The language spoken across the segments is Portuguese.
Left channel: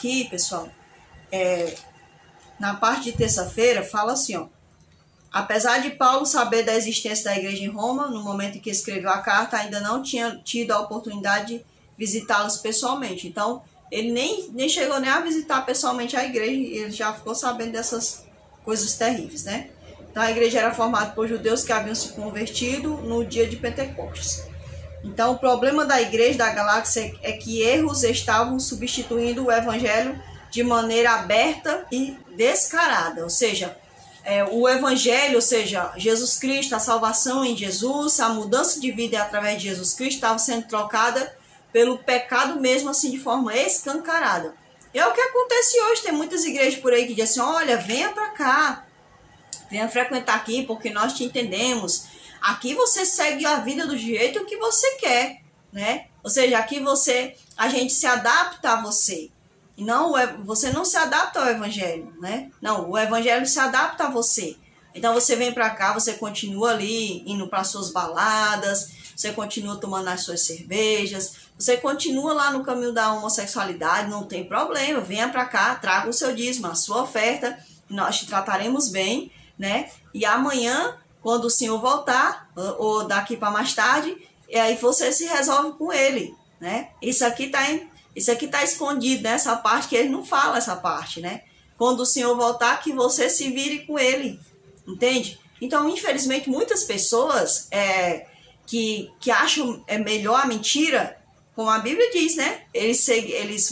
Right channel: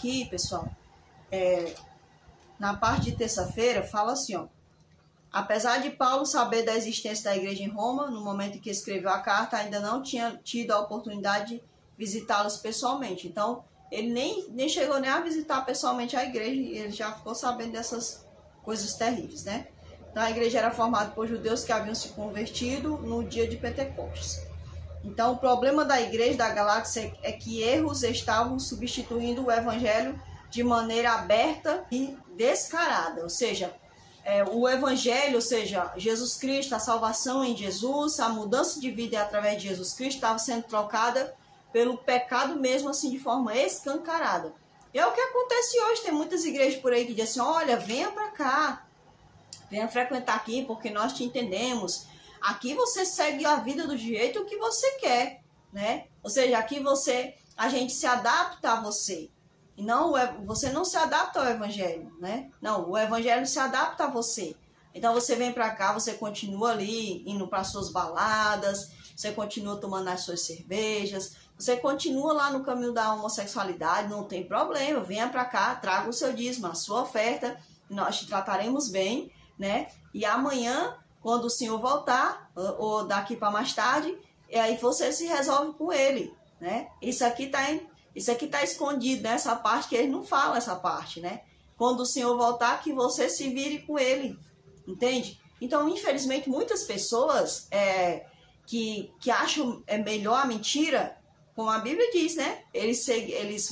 aqui, pessoal, na parte de terça-feira, fala assim, ó. Apesar de Paulo saber da existência da igreja em Roma, no momento em que escreveu a carta, ainda não tinha tido a oportunidade de visitá-los pessoalmente. Então, ele nem chegou nem a visitar pessoalmente a igreja, e ele já ficou sabendo dessas coisas terríveis, né? Então, a igreja era formada por judeus que haviam se convertido no dia de Pentecostes. Então, o problema da igreja da Galácia é que erros estavam substituindo o evangelho de maneira aberta e descarada, ou seja, o evangelho, ou seja, Jesus Cristo, a salvação em Jesus, a mudança de vida através de Jesus Cristo estava sendo trocada pelo pecado mesmo, assim, de forma escancarada. É o que acontece hoje. Tem muitas igrejas por aí que dizem assim, olha, venha para cá, venha frequentar aqui porque nós te entendemos. Aqui você segue a vida do jeito que você quer, né? Ou seja, aqui a gente se adapta a você. E não, você não se adapta ao evangelho, né? Não, o evangelho se adapta a você. Então você vem para cá, você continua ali indo para suas baladas, você continua tomando as suas cervejas, você continua lá no caminho da homossexualidade, não tem problema. Venha para cá, traga o seu dízimo, a sua oferta, e nós te trataremos bem, né? E amanhã, quando o Senhor voltar, ou daqui para mais tarde, e aí você se resolve com ele, né? Isso aqui tá escondido nessa parte que ele não fala essa parte, né? Quando o Senhor voltar, que você se vire com ele, entende? Então, infelizmente, muitas pessoas que acham melhor a mentira, como a Bíblia diz, né?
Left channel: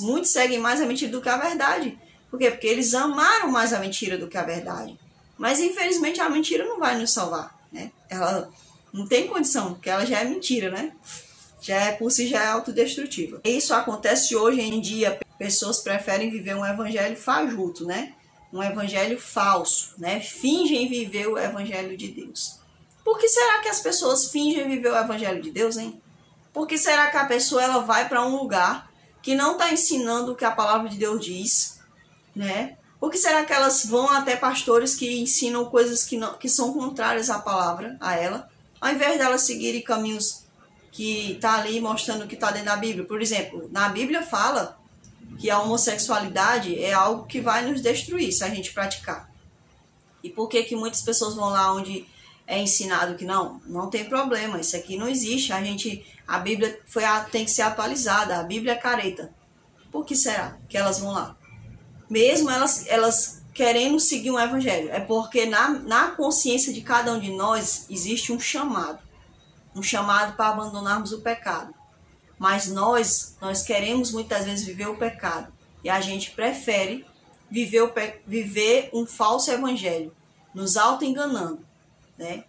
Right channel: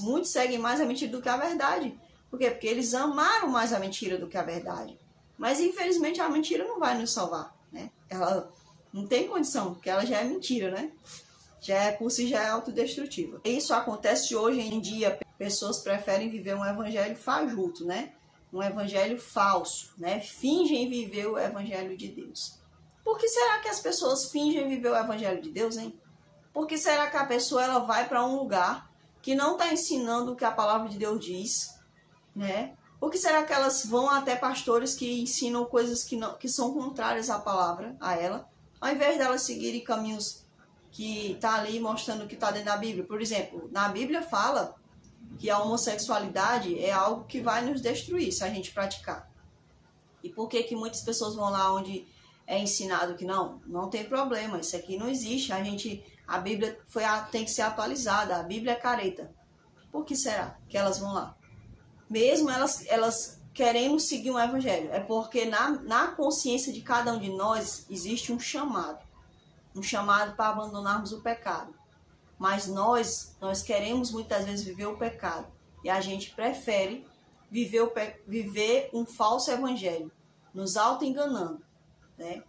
Muitos seguem mais a mentira do que a verdade. Por quê? Porque eles amaram mais a mentira do que a verdade. Mas, infelizmente, a mentira não vai nos salvar, né? Ela não tem condição, porque ela já é mentira, né? Por si já é autodestrutiva. Isso acontece hoje em dia. Pessoas preferem viver um evangelho fajuto, né? Um evangelho falso, né? Fingem viver o evangelho de Deus. Por que será que as pessoas fingem viver o evangelho de Deus, hein? Por que será que a pessoa ela vai para um lugar que não está ensinando o que a palavra de Deus diz, né? Por que será que elas vão até pastores que ensinam coisas que são contrárias à palavra, a ela, ao invés delas seguirem caminhos que está ali mostrando o que está dentro da Bíblia? Por exemplo, na Bíblia fala que a homossexualidade é algo que vai nos destruir se a gente praticar. E por que muitas pessoas vão lá onde é ensinado que não tem problema, isso aqui não existe, a Bíblia tem que ser atualizada, a Bíblia é careta. Por que será que elas vão lá? Mesmo elas querendo seguir um evangelho, é porque na consciência de cada um de nós existe um chamado para abandonarmos o pecado. Mas nós queremos muitas vezes viver o pecado, e a gente prefere viver um falso evangelho, nos auto-enganando, né?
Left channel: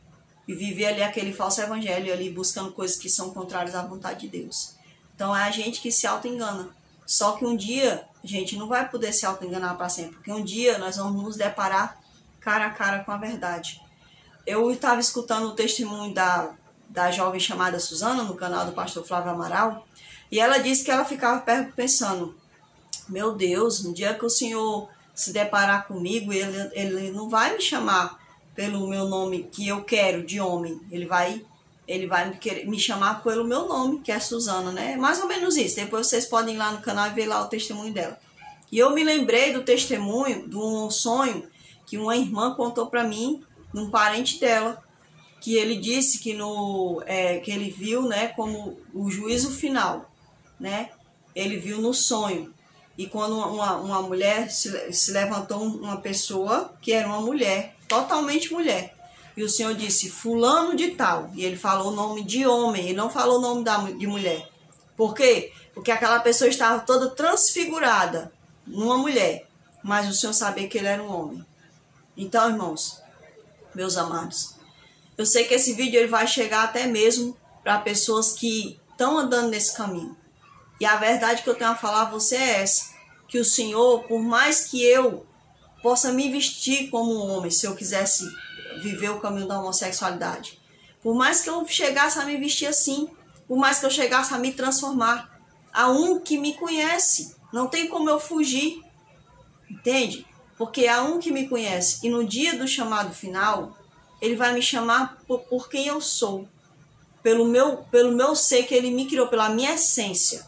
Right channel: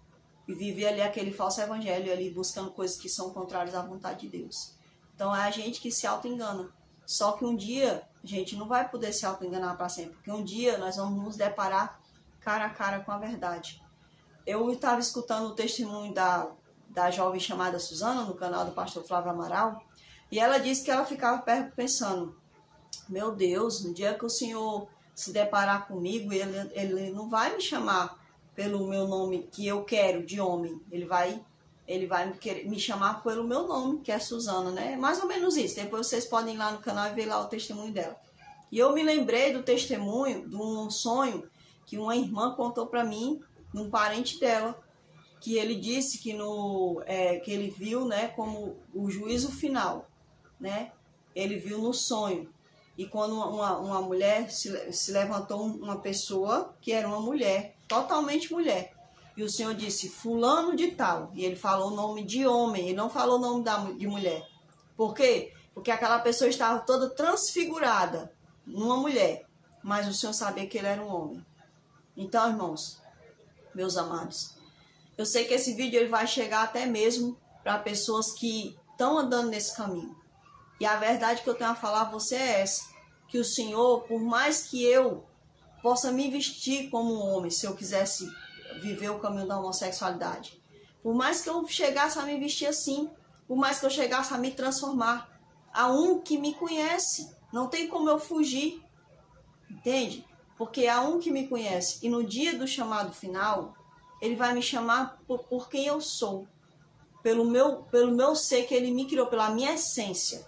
E viver ali aquele falso evangelho, ali buscando coisas que são contrárias à vontade de Deus. Então é a gente que se auto-engana. Só que um dia a gente não vai poder se auto-enganar para sempre, porque um dia nós vamos nos deparar cara a cara com a verdade. Eu estava escutando o testemunho da jovem chamada Suzana, no canal do pastor Flávio Amaral, e ela disse que ela ficava pensando, meu Deus, no dia que o Senhor se deparar comigo, ele não vai me chamar pelo meu nome que eu quero, de homem, ele vai me chamar pelo meu nome, que é Suzana, né? Mais ou menos isso. Depois vocês podem ir lá no canal e ver lá o testemunho dela. E eu me lembrei do testemunho, de um sonho que uma irmã contou para mim, de um parente dela, que ele disse que ele viu, né, como o juízo final, né? Ele viu no sonho. E quando uma mulher se levantou, uma pessoa que era uma mulher, totalmente mulher. E o Senhor disse, fulano de tal. E ele falou o nome de homem, ele não falou o nome de mulher. Por quê? Porque aquela pessoa estava toda transfigurada numa mulher. Mas o Senhor sabia que ele era um homem. Então, irmãos, meus amados, eu sei que esse vídeo ele vai chegar até mesmo para pessoas que estão andando nesse caminho. E a verdade que eu tenho a falar a você é essa. Que o Senhor, por mais que eu possa me vestir como um homem, se eu quisesse viver o caminho da homossexualidade, por mais que eu chegasse a me vestir assim, por mais que eu chegasse a me transformar, há um que me conhece, não tem como eu fugir, entende? Porque há um que me conhece, e no dia do chamado final, ele vai me chamar por quem eu sou, pelo meu ser que ele me criou, pela minha essência.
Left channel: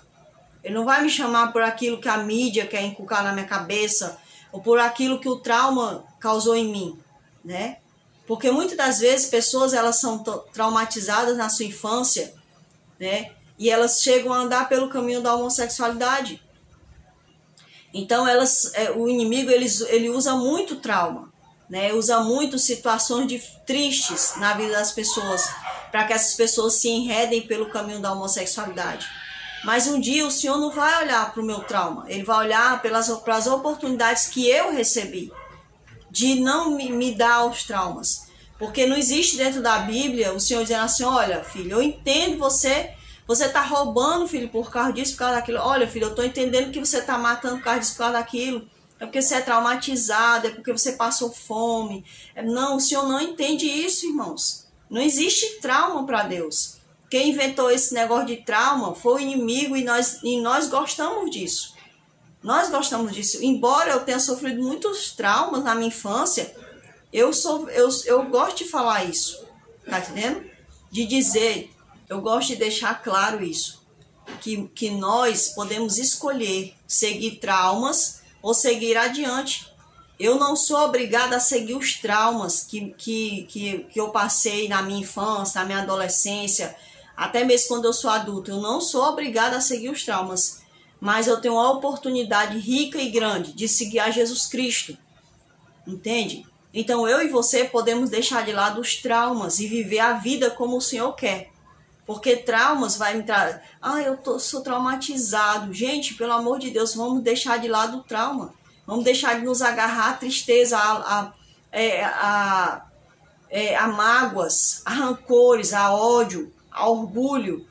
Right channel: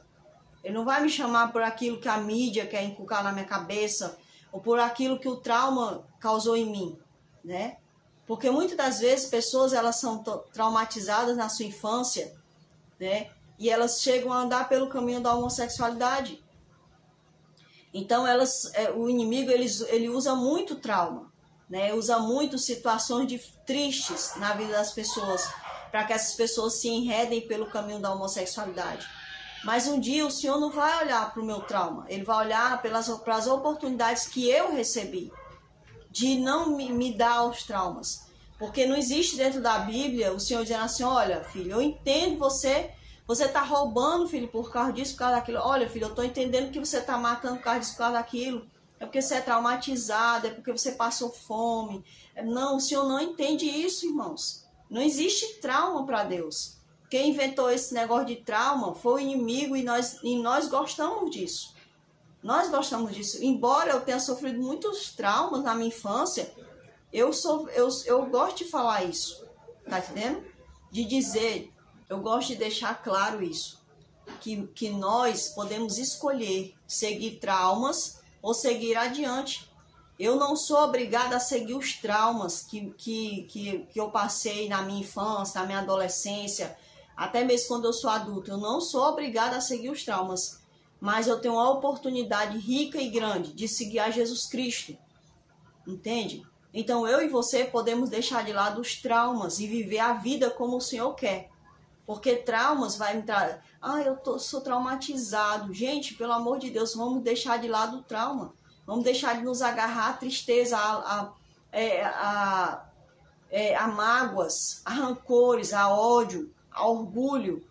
Ele não vai me chamar por aquilo que a mídia quer inculcar na minha cabeça, ou por aquilo que o trauma causou em mim, né? Porque muitas das vezes pessoas, elas são traumatizadas na sua infância, né? E elas chegam a andar pelo caminho da homossexualidade. Então o inimigo ele usa muito trauma, né? Usa muito situações tristes na vida das pessoas, para que essas pessoas se enredem pelo caminho da homossexualidade. Mas um dia o Senhor não vai olhar para o meu trauma, Ele vai olhar para as oportunidades que eu recebi, de não me dar aos traumas. Porque não existe dentro da Bíblia o Senhor dizendo assim, olha filho, eu entendo você está roubando, filho, por causa disso, por causa daquilo. Olha filho, eu estou entendendo que você está matando por causa disso, por causa daquilo. É porque você é traumatizado, é porque você passou fome. Não, o Senhor não entende isso, irmãos. Não existe trauma para Deus. Quem inventou esse negócio de trauma foi o inimigo e nós gostamos disso. Nós gostamos disso. Embora eu tenha sofrido muitos traumas na minha infância, eu gosto de falar isso. Tá entendendo? De dizer, eu gosto de deixar claro isso. Que nós podemos escolher seguir traumas ou seguir adiante. Eu não sou obrigada a seguir os traumas que eu passei na minha infância, na minha adolescência, até mesmo quando eu sou adulto. Eu não sou obrigada a seguir os traumas, mas eu tenho uma oportunidade rica e grande de seguir a Jesus Cristo. Entende? Então eu e você podemos deixar de lado os traumas e viver a vida como o Senhor quer. Porque traumas vai entrar... sou traumatizado. Gente, pelo amor de Deus, vamos deixar de lado o trauma. Vamos deixar de nos agarrar à tristeza, a mágoas, a rancores, a ódio, a orgulho.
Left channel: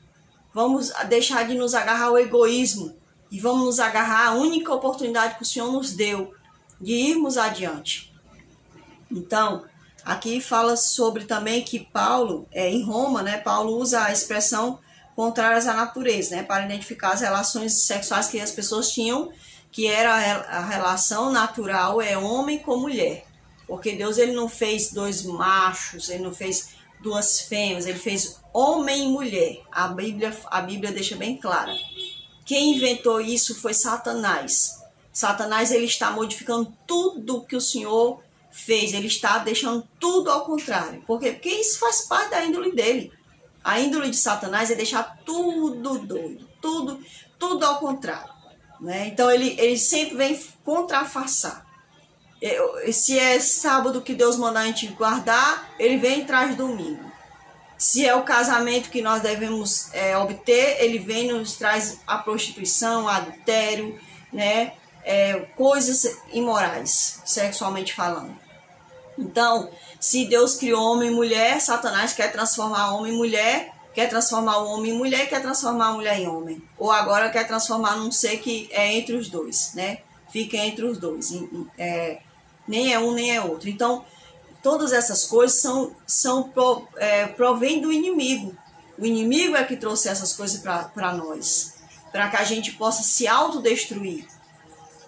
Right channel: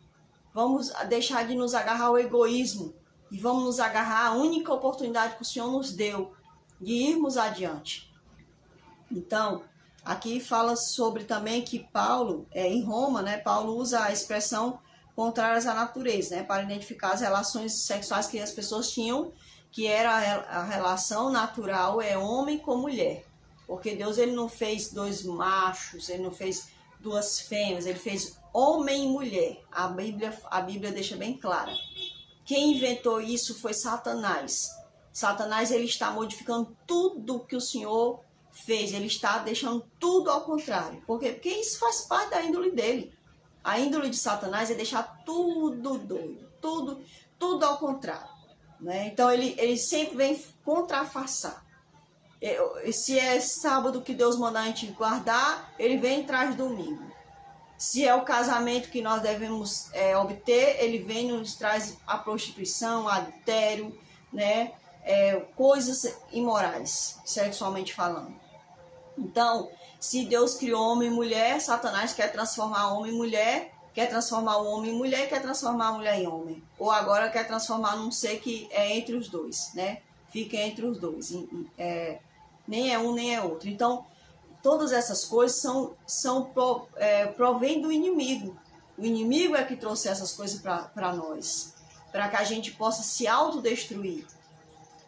Vamos deixar de nos agarrar ao egoísmo. E vamos nos agarrar à única oportunidade que o Senhor nos deu de irmos adiante. Então... aqui fala sobre também que Paulo, em Roma, né, Paulo usa a expressão contrárias à natureza, né, para identificar as relações sexuais que as pessoas tinham, que era a relação natural homem com mulher. Porque Deus ele não fez dois machos, ele não fez duas fêmeas, ele fez homem e mulher. A Bíblia deixa bem clara. Quem inventou isso foi Satanás. Satanás ele está modificando tudo que o Senhor fez, ele está deixando tudo ao contrário. Por quê? Porque isso faz parte da índole dele. A índole de Satanás é deixar tudo doido, tudo ao contrário, né? Então ele sempre vem contrafaçar. Se é sábado que Deus manda a gente guardar, ele vem e traz domingo. Se é o casamento que nós devemos obter, ele vem e nos traz a prostituição, o adultério, né? Coisas imorais, sexualmente falando. Então, se Deus criou homem e mulher, Satanás quer transformar homem em mulher, quer transformar o homem em mulher, quer transformar a mulher em homem. Ou agora quer transformar num ser que é entre os dois, né? Fica entre os dois. Nem é um, nem é outro. Então, todas essas coisas provém do inimigo. O inimigo é que trouxe essas coisas para nós. Para que a gente possa se autodestruir.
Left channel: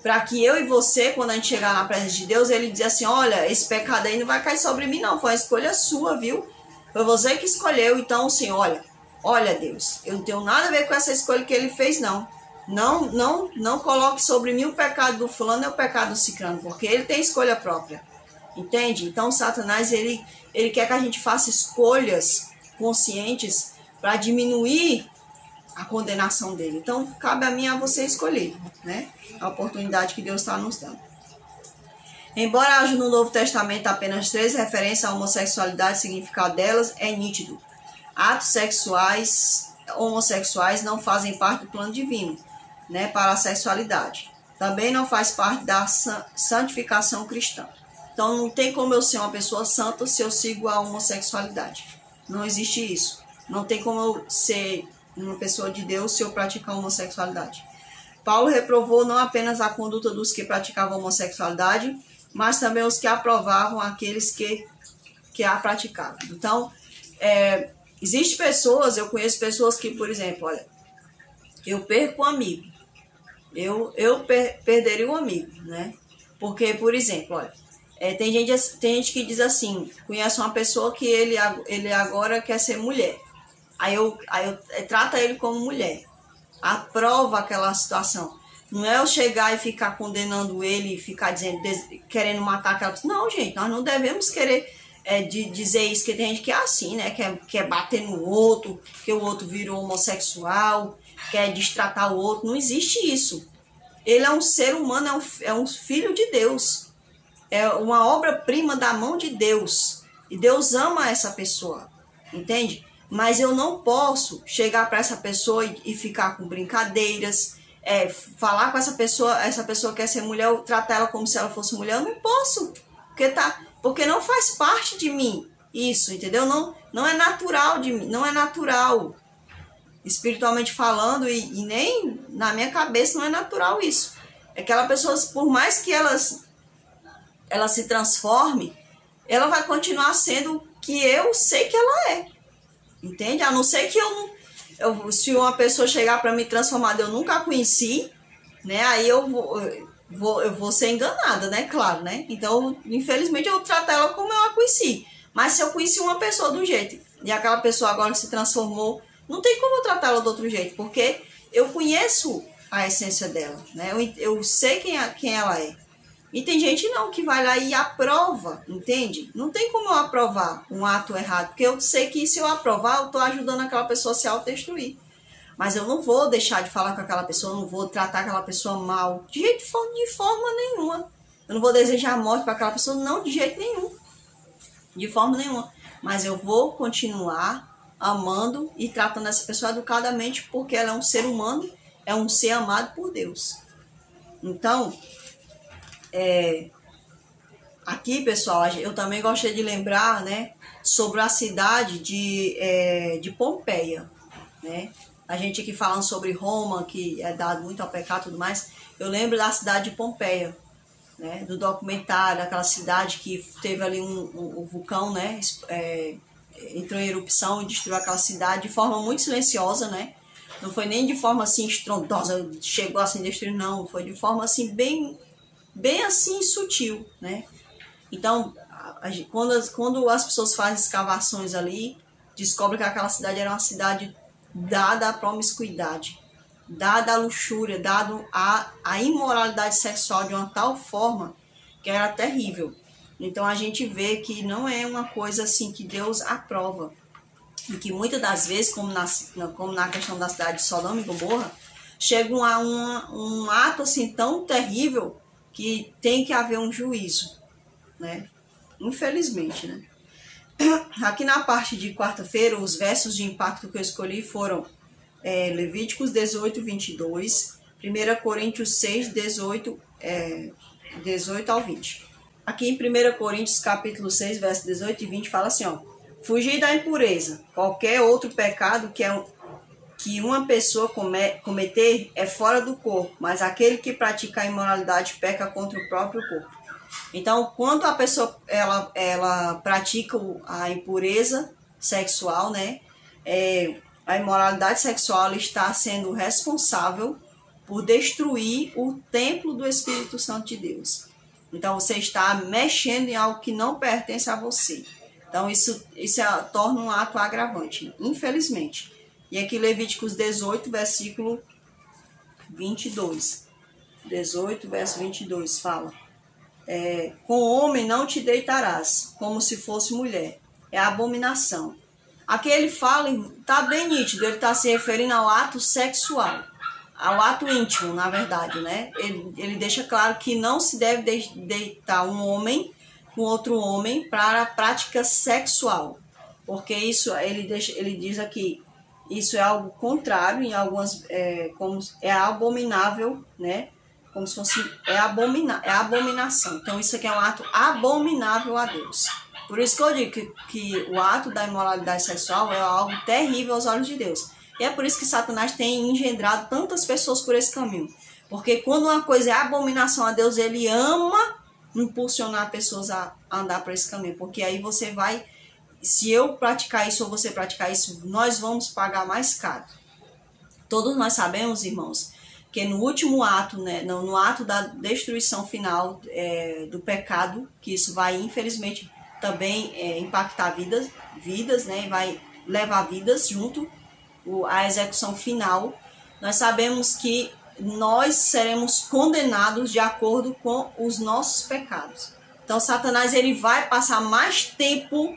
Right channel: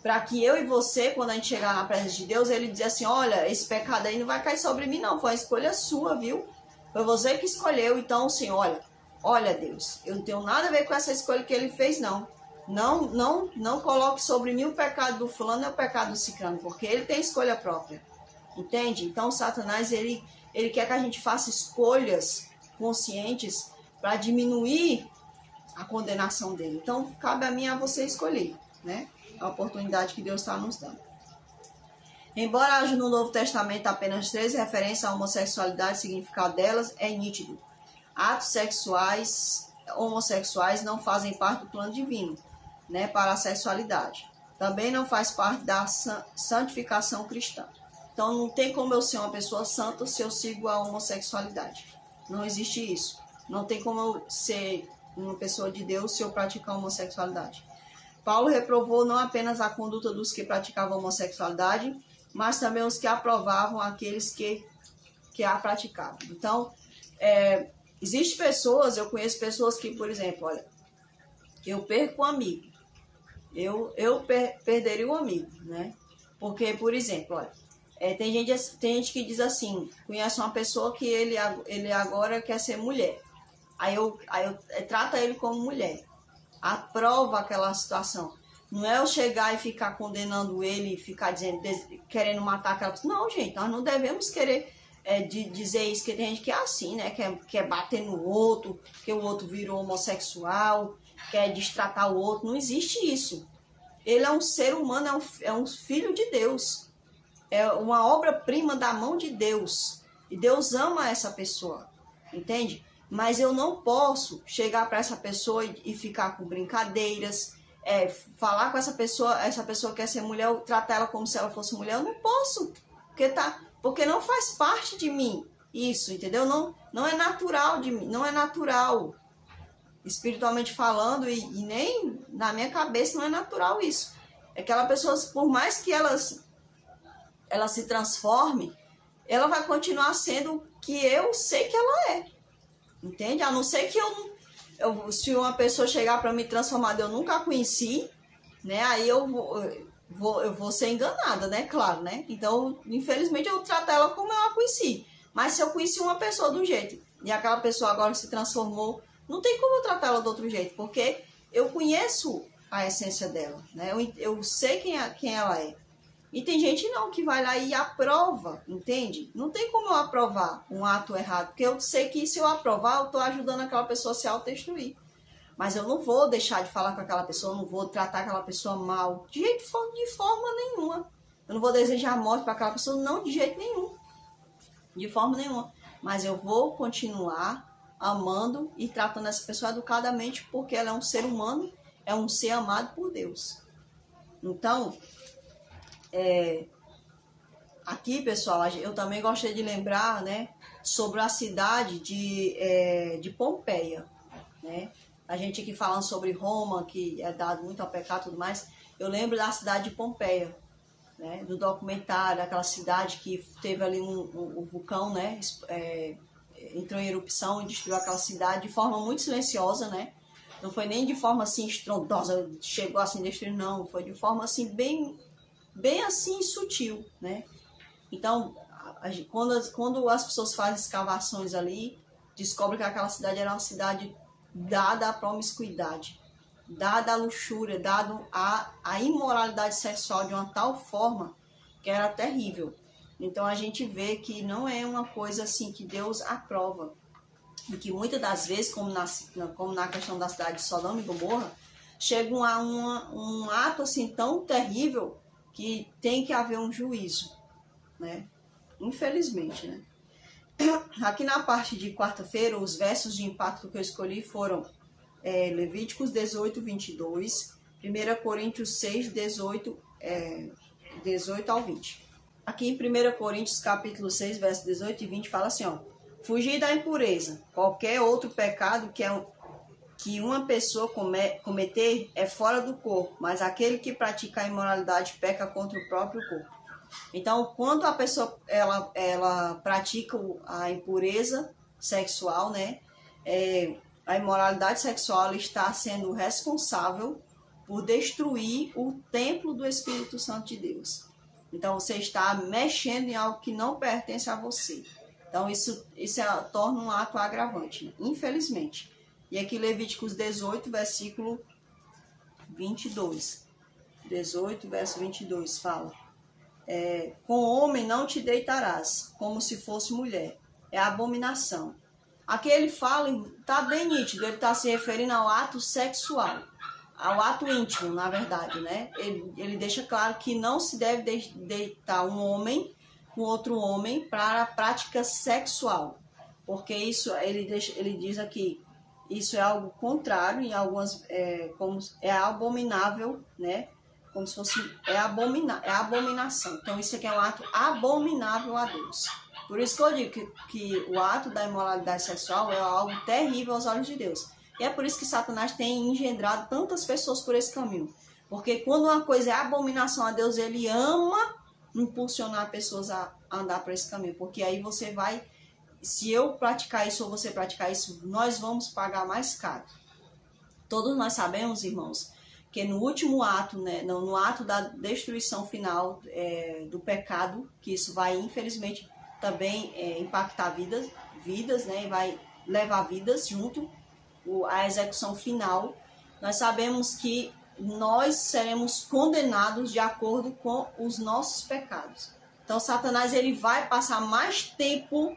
Para que eu e você, quando a gente chegar na presença de Deus, ele diz assim, olha, esse pecado aí não vai cair sobre mim não, foi uma escolha sua, viu? Foi você que escolheu, então assim, olha Deus, eu não tenho nada a ver com essa escolha que ele fez não. Não coloque sobre mim o pecado do fulano e o pecado do ciclano, porque ele tem escolha própria, entende? Então Satanás, ele quer que a gente faça escolhas conscientes para diminuir a condenação dele. Então cabe a mim a você escolher, né? A oportunidade que Deus está nos dando. Embora haja no Novo Testamento apenas 3 referências à homossexualidade, o significado delas é nítido. Atos sexuais homossexuais não fazem parte do plano divino, né, para a sexualidade. Também não faz parte da santificação cristã. Então não tem como eu ser uma pessoa santa se eu sigo a homossexualidade. Não existe isso. Não tem como eu ser uma pessoa de Deus se eu praticar a homossexualidade. Paulo reprovou não apenas a conduta dos que praticavam a homossexualidade, mas também os que aprovavam aqueles que a praticavam. Então, existem pessoas, eu conheço pessoas que, por exemplo, olha, eu perco um amigo, eu perderia um amigo, né? Porque, por exemplo, olha, tem gente que diz assim, conhece uma pessoa que ele agora quer ser mulher, aí eu trato ele como mulher. aprova aquela situação. Não é eu chegar e ficar condenando ele, e ficar dizendo, querendo matar aquela pessoa. Não, gente, nós não devemos querer dizer isso, que tem gente que é assim, né? Quer bater no outro, que o outro virou homossexual, quer destratar o outro. Não existe isso. Ele é um ser humano, é um filho de Deus. É uma obra-prima da mão de Deus. E Deus ama essa pessoa, entende? Mas eu não posso chegar para essa pessoa e ficar com brincadeiras, falar com essa pessoa quer ser mulher, tratar ela como se ela fosse mulher. Eu não posso, porque não faz parte de mim isso, entendeu? Não é natural de mim, não é natural. Espiritualmente falando, e nem na minha cabeça não é natural isso. Aquela pessoa, por mais que ela se transforme, ela vai continuar sendo o que eu sei que ela é. Entende? A não ser que se uma pessoa chegar para me transformar, eu nunca a conheci, né? Aí eu vou ser enganada, né? Claro, né? Então, infelizmente, eu trato ela como eu a conheci. Mas se eu conheci uma pessoa de um jeito e aquela pessoa agora se transformou, não tem como eu tratá-la de outro jeito, porque eu conheço a essência dela, né? Eu sei quem ela é. E tem gente não, que vai lá e aprova, entende? Não tem como eu aprovar um ato errado, porque eu sei que se eu aprovar, eu estou ajudando aquela pessoa a se autodestruir. Mas eu não vou deixar de falar com aquela pessoa, eu não vou tratar aquela pessoa mal, de forma nenhuma. Eu não vou desejar morte para aquela pessoa, não, de jeito nenhum. De forma nenhuma. Mas eu vou continuar amando e tratando essa pessoa educadamente, porque ela é um ser humano, é um ser amado por Deus. Então, aqui, pessoal, eu também gostaria de lembrar, né, sobre a cidade de Pompeia, né? A gente aqui falando sobre Roma, que é dado muito ao pecado e tudo mais, eu lembro da cidade de Pompeia, né, do documentário, aquela cidade que teve ali um vulcão, né, entrou em erupção e destruiu aquela cidade de forma muito silenciosa, né? Não foi nem de forma assim estrondosa, chegou assim a destruir, não, foi de forma assim bem assim sutil, né? Então, quando as pessoas fazem escavações ali, descobrem que aquela cidade era uma cidade dada à promiscuidade, dada à luxúria, dada à imoralidade sexual de uma tal forma que era terrível. Então a gente vê que não é uma coisa assim que Deus aprova. E que muitas das vezes, como na questão da cidade de Sodoma e Gomorra, chega a um ato assim tão terrível que tem que haver um juízo, né? Infelizmente, né? Aqui na parte de quarta-feira, os versos de impacto que eu escolhi foram Levíticos 18, 22, 1 Coríntios 6, 18 ao 20. Aqui em 1 Coríntios, capítulo 6, versos 18 e 20, fala assim, ó: fugir da impureza. Qualquer outro pecado que uma pessoa cometer é fora do corpo, mas aquele que pratica a imoralidade peca contra o próprio corpo. Então, quando a pessoa ela pratica a impureza sexual, né, a imoralidade sexual, ela está sendo responsável por destruir o templo do Espírito Santo de Deus. Então, você está mexendo em algo que não pertence a você. Então, isso torna um ato agravante, infelizmente. E aqui Levíticos 18, versículo 22. 18, verso 22, fala: com homem não te deitarás, como se fosse mulher. É abominação. Aqui ele fala, está bem nítido, ele está se referindo ao ato sexual, ao ato íntimo, na verdade, né? Ele deixa claro que não se deve deitar um homem com outro homem para a prática sexual, porque isso, ele diz aqui, isso é algo contrário, em algumas, como é abominável, né? Como se fosse, é abominação. Então isso aqui é um ato abominável a Deus. Por isso que eu digo que o ato da imoralidade sexual é algo terrível aos olhos de Deus. E é por isso que Satanás tem engendrado tantas pessoas por esse caminho. Porque quando uma coisa é abominação a Deus, ele ama impulsionar pessoas a andar por esse caminho. Porque aí você vai, se eu praticar isso ou você praticar isso, nós vamos pagar mais caro. Todos nós sabemos, irmãos, que no último ato, né, no ato da destruição final do pecado, que isso vai, infelizmente, também impactar vidas, né, e vai levar vidas junto à execução final. nós sabemos que nós seremos condenados de acordo com os nossos pecados. Então, Satanás ele vai passar mais tempo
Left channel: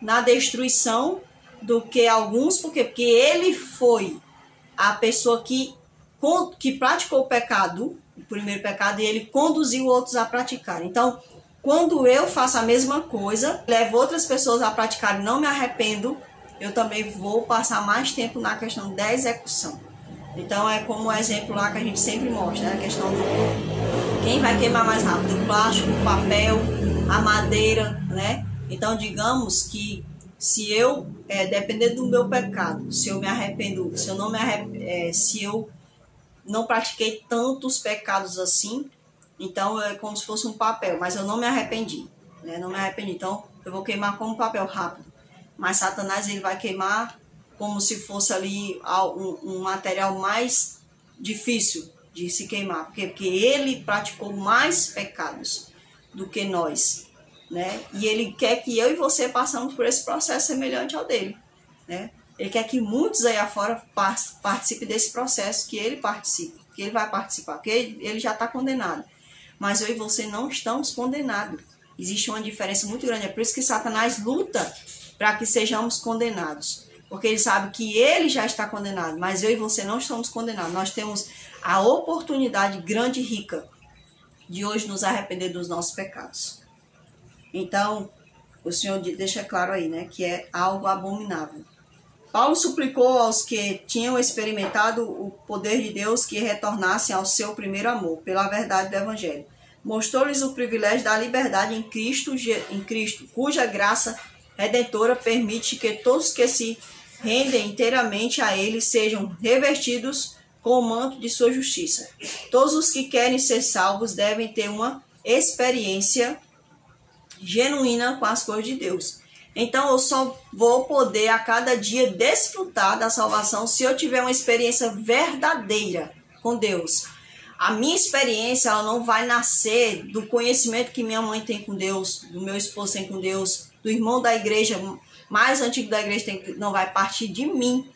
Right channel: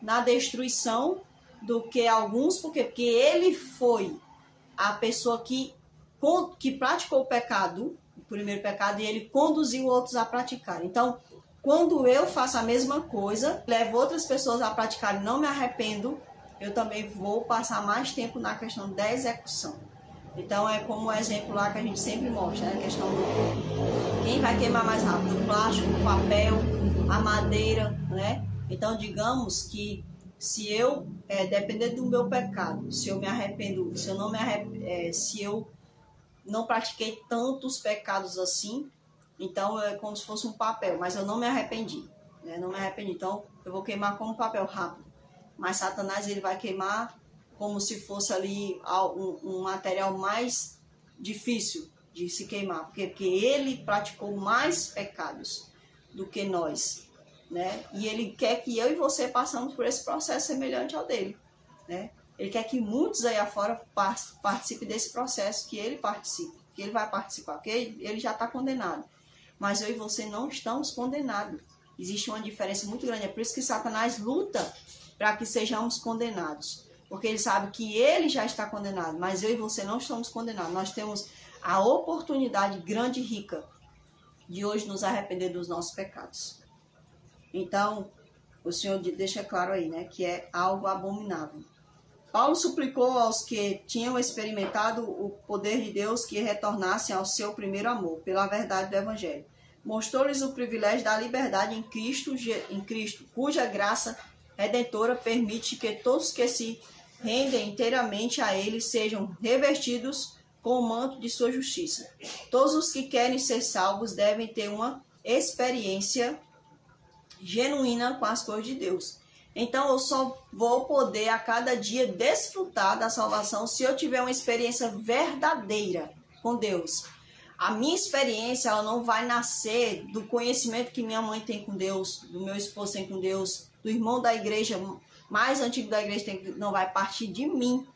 na destruição do que alguns, porque ele foi a pessoa que praticou o pecado, o primeiro pecado, e ele conduziu outros a praticar. Então, quando eu faço a mesma coisa, levo outras pessoas a praticar e não me arrependo, eu também vou passar mais tempo na questão da execução. Então, é como o exemplo lá que a gente sempre mostra, né? A questão do quem vai queimar mais rápido, o plástico, o papel, a madeira, né? Então, digamos que se eu, dependendo do meu pecado, se eu me arrependo, se eu não pratiquei tantos pecados assim, então é como se fosse um papel, mas eu não me arrependi, né? Não me arrependi, então eu vou queimar como papel rápido. Mas Satanás ele vai queimar como se fosse ali um material mais difícil de se queimar, porque ele praticou mais pecados do que nós, né? E ele quer que eu e você passemos por esse processo semelhante ao dele, né? Ele quer que muitos aí afora participem desse processo que ele participa, que ele vai participar, porque ele já está condenado. Mas eu e você não estamos condenados. Existe uma diferença muito grande. É por isso que Satanás luta para que sejamos condenados. Porque ele sabe que ele já está condenado, mas eu e você não estamos condenados. Nós temos a oportunidade grande e rica de hoje nos arrepender dos nossos pecados. Então, o Senhor deixa claro aí, né, que é algo abominável. Paulo suplicou aos que tinham experimentado o poder de Deus que retornassem ao seu primeiro amor, pela verdade do Evangelho. Mostrou-lhes o privilégio da liberdade em Cristo, cuja graça redentora permite que todos que se rendem inteiramente a Ele sejam revestidos com o manto de sua justiça. Todos os que querem ser salvos devem ter uma experiência genuína com as coisas de Deus. Então eu só vou poder a cada dia desfrutar da salvação se eu tiver uma experiência verdadeira com Deus. A minha experiência ela não vai nascer do conhecimento que minha mãe tem com Deus, do meu esposo tem com Deus, do irmão da igreja mais antigo da igreja não vai partir de mim,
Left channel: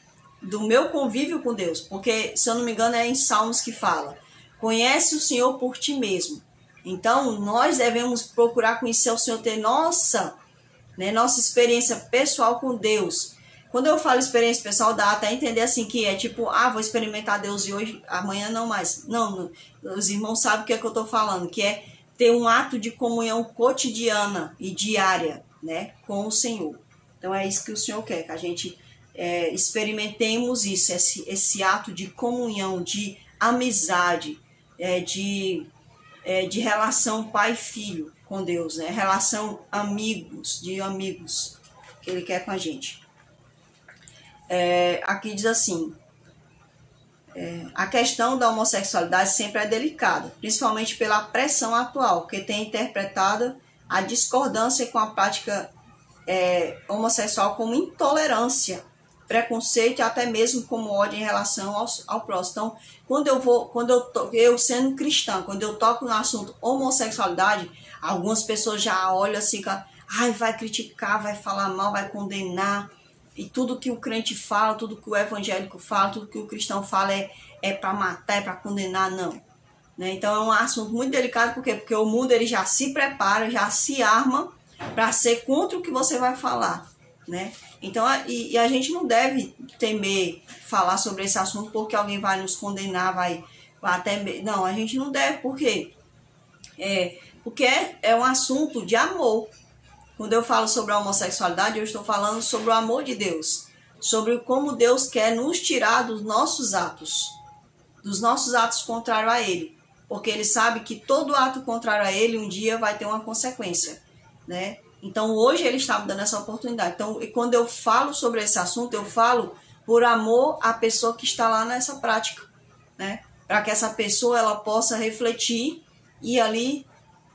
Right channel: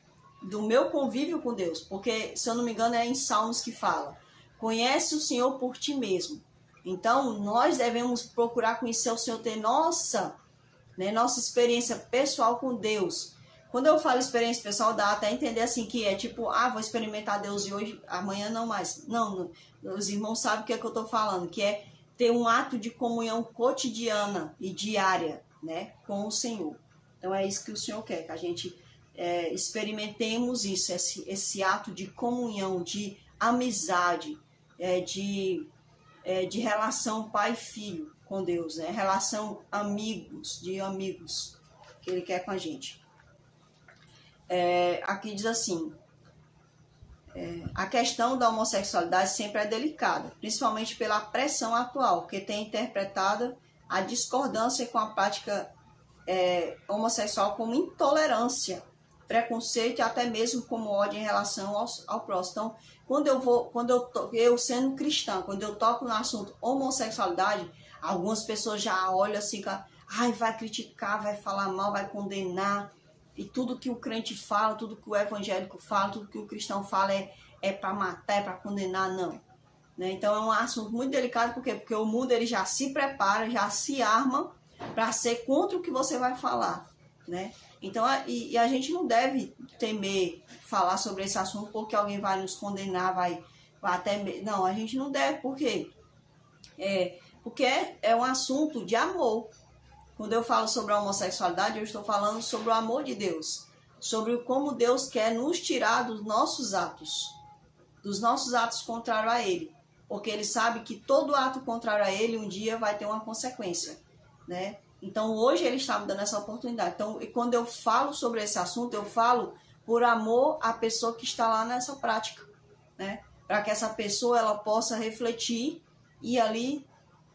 do meu convívio com Deus. Porque, se eu não me engano, é em Salmos que fala: conhece o Senhor por ti mesmo. Então, nós devemos procurar conhecer o Senhor, ter nossa experiência pessoal com Deus. Quando eu falo experiência pessoal, dá até entender assim que é tipo, vou experimentar Deus e hoje, amanhã não mais. Não, os irmãos sabem o que é que eu estou falando, que é ter um ato de comunhão cotidiana e diária, né, com o Senhor. Então é isso que o Senhor quer, que a gente experimentemos isso, esse ato de comunhão, de amizade, de relação pai e filho com Deus, né? Relação de amigos que Ele quer com a gente. Aqui diz assim, a questão da homossexualidade sempre é delicada, principalmente pela pressão atual, que tem interpretado a discordância com a prática homossexual como intolerância, preconceito e até mesmo como ódio em relação ao próximo. Então, eu sendo cristã, quando eu toco no assunto homossexualidade, algumas pessoas já olham assim, vai criticar, vai falar mal, vai condenar, e tudo que o crente fala, tudo que o evangélico fala, tudo que o cristão fala é para matar, é para condenar, não. Né? Então é um assunto muito delicado, porque o mundo ele já se prepara, já se arma para ser contra o que você vai falar, né? Então, e a gente não deve temer falar sobre esse assunto porque alguém vai nos condenar, vai até... Não, a gente não deve, por quê? Porque é um assunto de amor. Quando eu falo sobre a homossexualidade, eu estou falando sobre o amor de Deus, sobre como Deus quer nos tirar dos nossos atos contrários a Ele, porque Ele sabe que todo ato contrário a Ele um dia vai ter uma consequência, né? Então hoje Ele está me dando essa oportunidade. Então, quando eu falo sobre esse assunto, eu falo por amor à pessoa que está lá nessa prática, né? Para que essa pessoa ela possa refletir e ali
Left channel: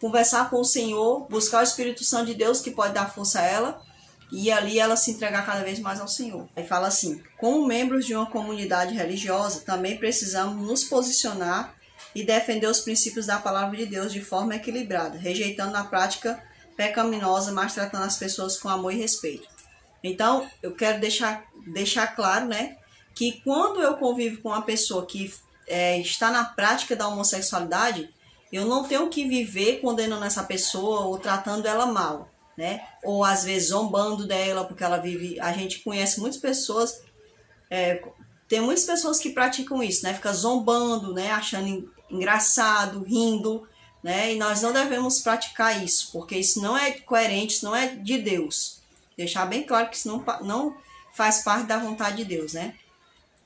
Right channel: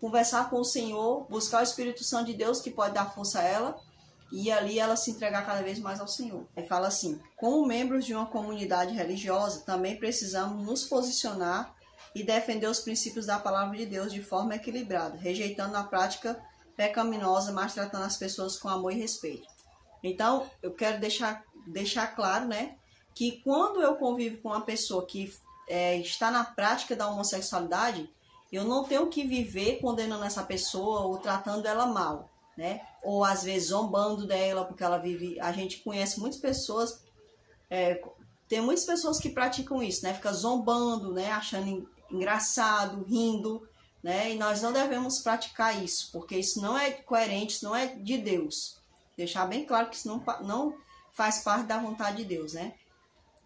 conversar com o Senhor, buscar o Espírito Santo de Deus que pode dar força a ela e ali ela se entregar cada vez mais ao Senhor. Aí fala assim: como membros de uma comunidade religiosa, também precisamos nos posicionar e defender os princípios da palavra de Deus de forma equilibrada, rejeitando a prática pecaminosa, mas tratando as pessoas com amor e respeito. Então, eu quero deixar claro, né, que quando eu convivo com uma pessoa que está na prática da homossexualidade, eu não tenho que viver condenando essa pessoa ou tratando ela mal, né? Ou às vezes zombando dela porque ela vive... A gente conhece muitas pessoas, tem muitas pessoas que praticam isso, né? Fica zombando, né? Achando engraçado, rindo, né? E nós não devemos praticar isso, porque isso não é coerente, isso não é de Deus. Deixar bem claro que isso não faz parte da vontade de Deus, né?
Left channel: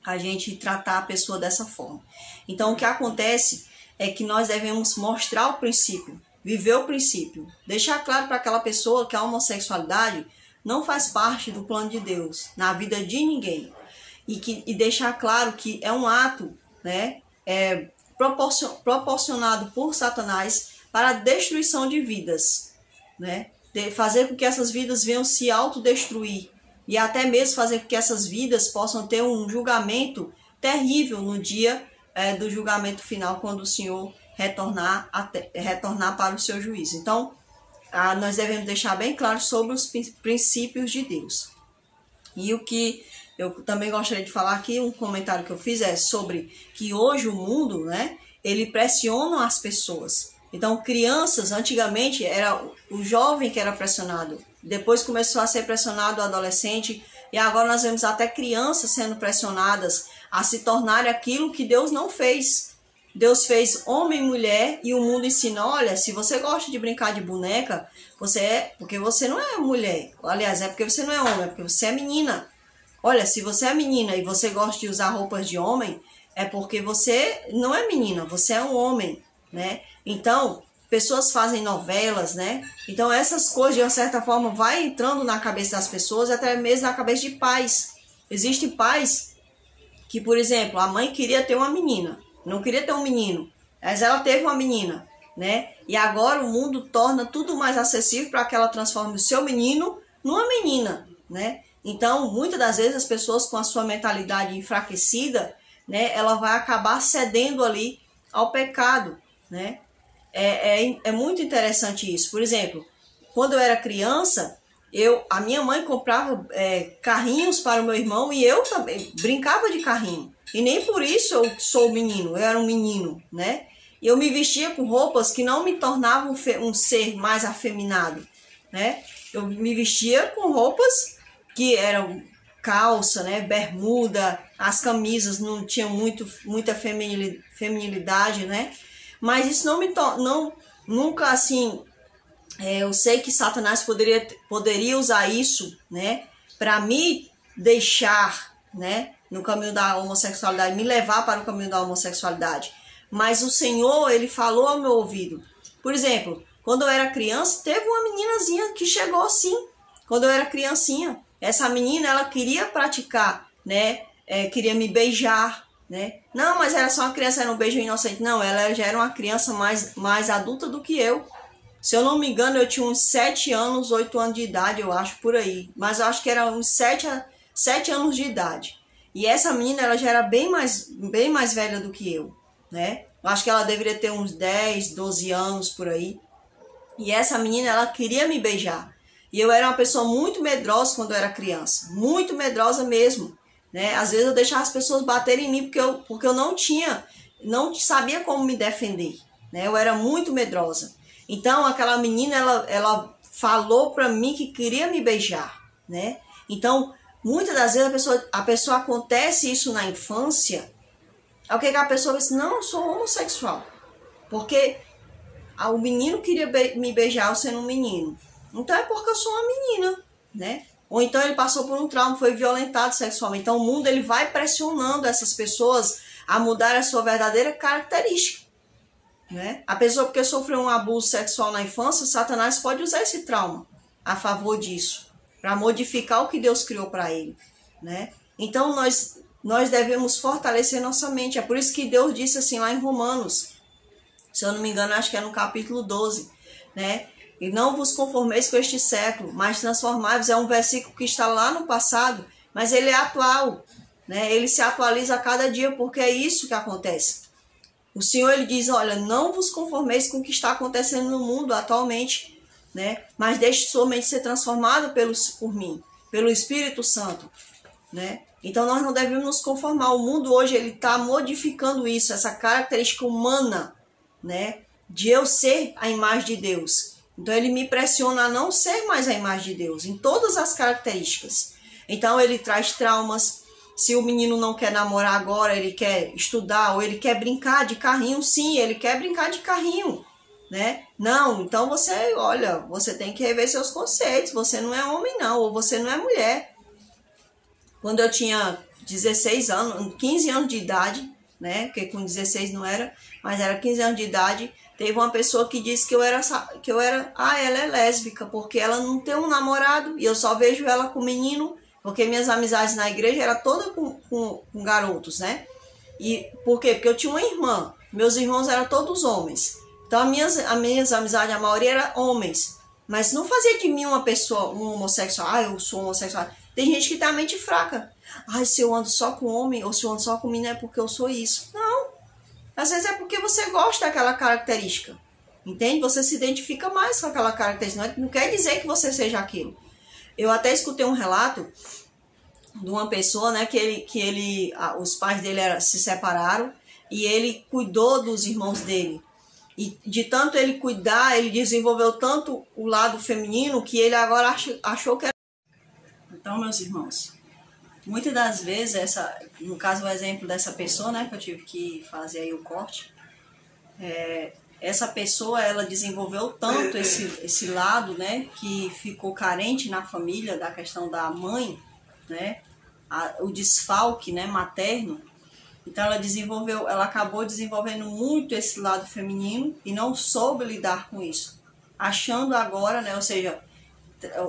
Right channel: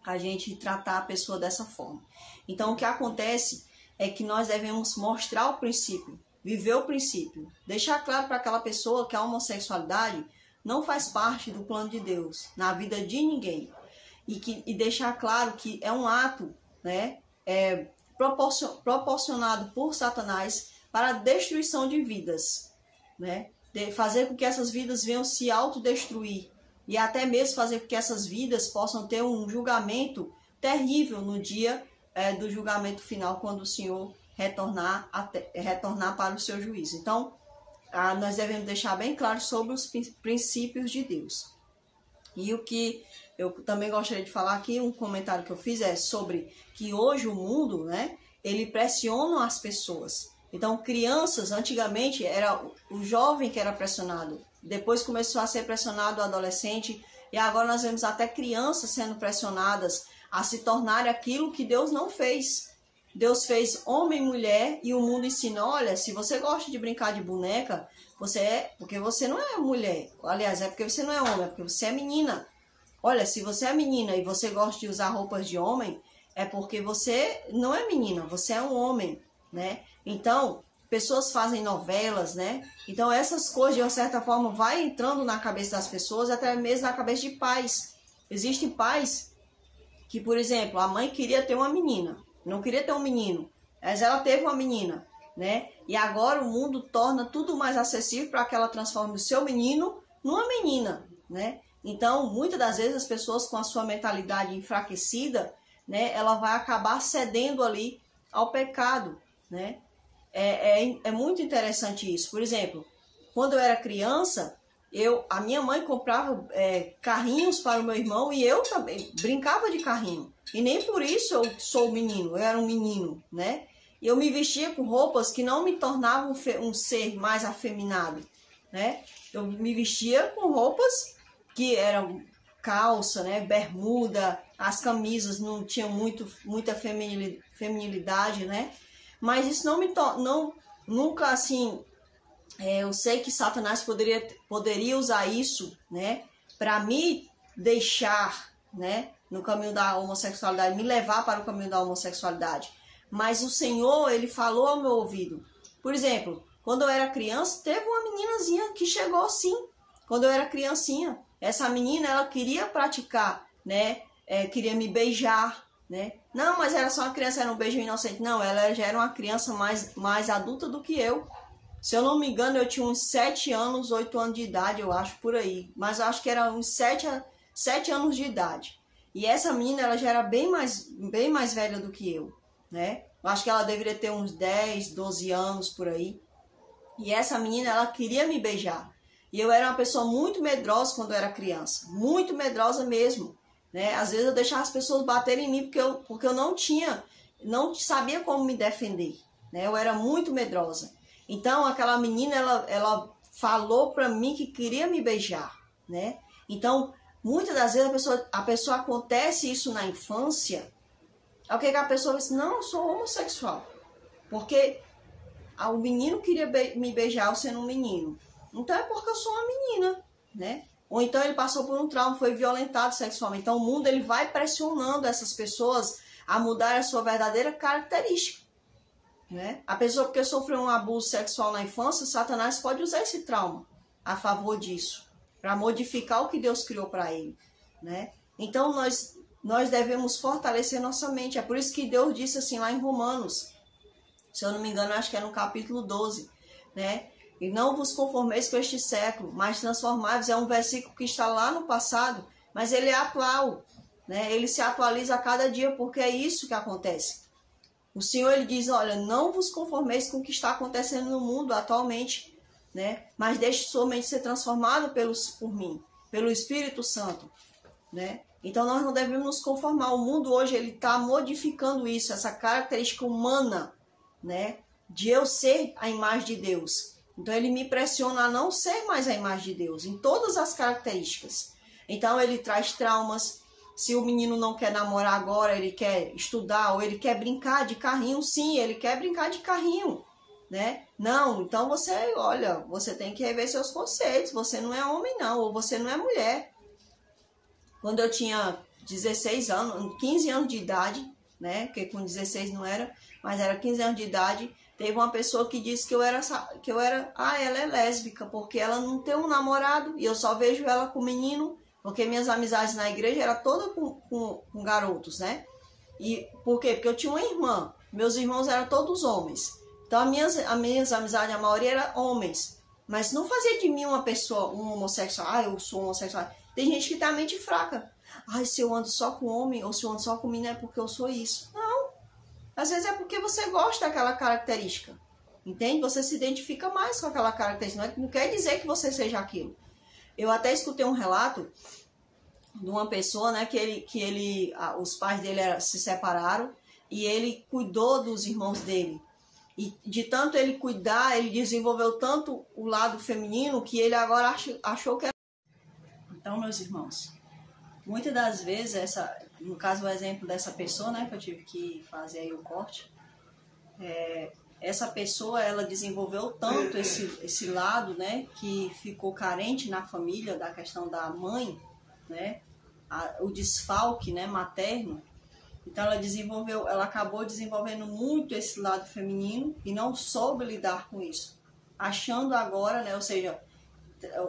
A gente tratar a pessoa dessa forma. Então, o que acontece é que nós devemos mostrar o princípio, viver o princípio, deixar claro para aquela pessoa que a homossexualidade não faz parte do plano de Deus na vida de ninguém. E deixar claro que é um ato, né, proporcionado por Satanás para a destruição de vidas, né? Fazer com que essas vidas venham se autodestruir e até mesmo fazer com que essas vidas possam ter um julgamento terrível no dia do julgamento final, quando o Senhor retornar para o seu juízo. Então, nós devemos deixar bem claro sobre os princípios de Deus. E o que eu também gostaria de falar aqui, um comentário que eu fiz é sobre que hoje o mundo, né, ele pressiona as pessoas. Então, crianças, antigamente, era o jovem que era pressionado. Depois começou a ser pressionado o adolescente. E agora nós vemos até crianças sendo pressionadas a se tornarem aquilo que Deus não fez. Deus fez homem e mulher e o mundo ensina, olha, se você gosta de brincar de boneca, porque você não é mulher. Aliás, é porque você não é homem, é porque você é menina. Olha, se você é menina e você gosta de usar roupas de homem, é porque você não é menina, você é um homem, né? Então, pessoas fazem novelas, né? Então, essas coisas, de uma certa forma, vai entrando na cabeça das pessoas, até mesmo na cabeça de pais. Existem pais que, por exemplo, a mãe queria ter uma menina, não queria ter um menino, mas ela teve uma menina, né? E agora o mundo torna tudo mais acessível para que ela transforme o seu menino numa menina, né? Então, muitas das vezes, as pessoas com a sua mentalidade enfraquecida, né, ela vai acabar cedendo ali ao pecado, né? É muito interessante isso. Por exemplo, quando eu era criança, a minha mãe comprava carrinhos para o meu irmão e eu também brincava de carrinho. E nem por isso eu sou menino, eu era um menino, né? E eu me vestia com roupas que não me tornavam um ser mais afeminado, né? Eu me vestia com roupas que eram calça, né, bermuda, as camisas não tinham muita feminilidade, né? Mas isso nunca assim, eu sei que Satanás poderia usar isso, né, para me deixar, né, no caminho da homossexualidade, me levar para o caminho da homossexualidade. Mas o Senhor, ele falou ao meu ouvido. Por exemplo, quando eu era criança, teve uma meninazinha que chegou assim, quando eu era criancinha. Essa menina, ela queria praticar, né, queria me beijar, né? Não, mas era só uma criança, era um beijo inocente. Não, ela já era uma criança mais adulta do que eu. Se eu não me engano, eu tinha uns 7 anos, 8 anos de idade, eu acho, por aí. Mas eu acho que era uns 7 anos de idade. E essa menina, ela já era bem mais velha do que eu, né? Eu acho que ela deveria ter uns 10, 12 anos, por aí. E essa menina, ela queria me beijar. E eu era uma pessoa muito medrosa quando eu era criança. Muito medrosa mesmo, né? Às vezes eu deixava as pessoas baterem em mim porque eu não sabia como me defender, né? Eu era muito medrosa. Então aquela menina, ela falou para mim que queria me beijar, né? Então, muitas das vezes a pessoa acontece isso na infância. O que a pessoa diz? Não, eu sou homossexual. Porque o menino queria me beijar eu sendo um menino. Então é porque eu sou uma menina, né? Ou então ele passou por um trauma, foi violentado sexualmente. Então o mundo, ele vai pressionando essas pessoas a mudar a sua verdadeira característica, né? A pessoa, porque sofreu um abuso sexual na infância, Satanás pode usar esse trauma a favor disso, para modificar o que Deus criou para ele, né? Então nós devemos fortalecer nossa mente. É por isso que Deus disse assim lá em Romanos, se eu não me engano, acho que é no capítulo 12, né? E não vos conformeis com este século, mas transformai-vos. É um versículo que está lá no passado, mas ele é atual, né? Ele se atualiza a cada dia, porque é isso que acontece. O Senhor, ele diz, olha, não vos conformeis com o que está acontecendo no mundo atualmente, né? Mas deixe sua mente ser transformada por mim, pelo Espírito Santo. né? Então nós não devemos nos conformar. O mundo hoje ele está modificando isso, essa característica humana, né? De eu ser a imagem de Deus. Então ele me pressiona a não ser mais a imagem de Deus, em todas as características. Então ele traz traumas. Se o menino não quer namorar agora, ele quer estudar, ou ele quer brincar de carrinho, sim, ele quer brincar de carrinho, né? Não, então você, olha, você tem que rever seus conceitos, você não é homem não, ou você não é mulher. Quando eu tinha 16 anos, 15 anos de idade, né? Porque com 16 não era, mas era 15 anos de idade, teve uma pessoa que disse que eu era, ela é lésbica, porque ela não tem um namorado, e eu só vejo ela com menino, porque minhas amizades na igreja eram todas com garotos, né? E por quê? Porque eu tinha uma irmã, meus irmãos eram todos homens. Então as minhas amizades, a maioria eram homens. Mas não fazia de mim uma pessoa, um homossexual. Eu sou homossexual. Tem gente que tem a mente fraca. Se eu ando só com homem ou se eu ando só com menina é porque eu sou isso. Não. Às vezes é porque você gosta daquela característica. Entende? Você se identifica mais com aquela característica. Não quer dizer que você seja aquilo. Eu até escutei um relato de uma pessoa, né, os pais dele se separaram e ele cuidou dos irmãos dele. E de tanto ele cuidar, ele desenvolveu tanto o lado feminino que ele agora achou que era... Então, meus irmãos, muitas das vezes, no caso o exemplo dessa pessoa, né, que eu tive que fazer aí o corte, essa pessoa, ela desenvolveu tanto esse lado, né, que ficou carente na família da questão da mãe, né, o desfalque, né, materno. Então ela acabou desenvolvendo muito esse lado feminino e não soube lidar com isso, achando agora, né, ou seja,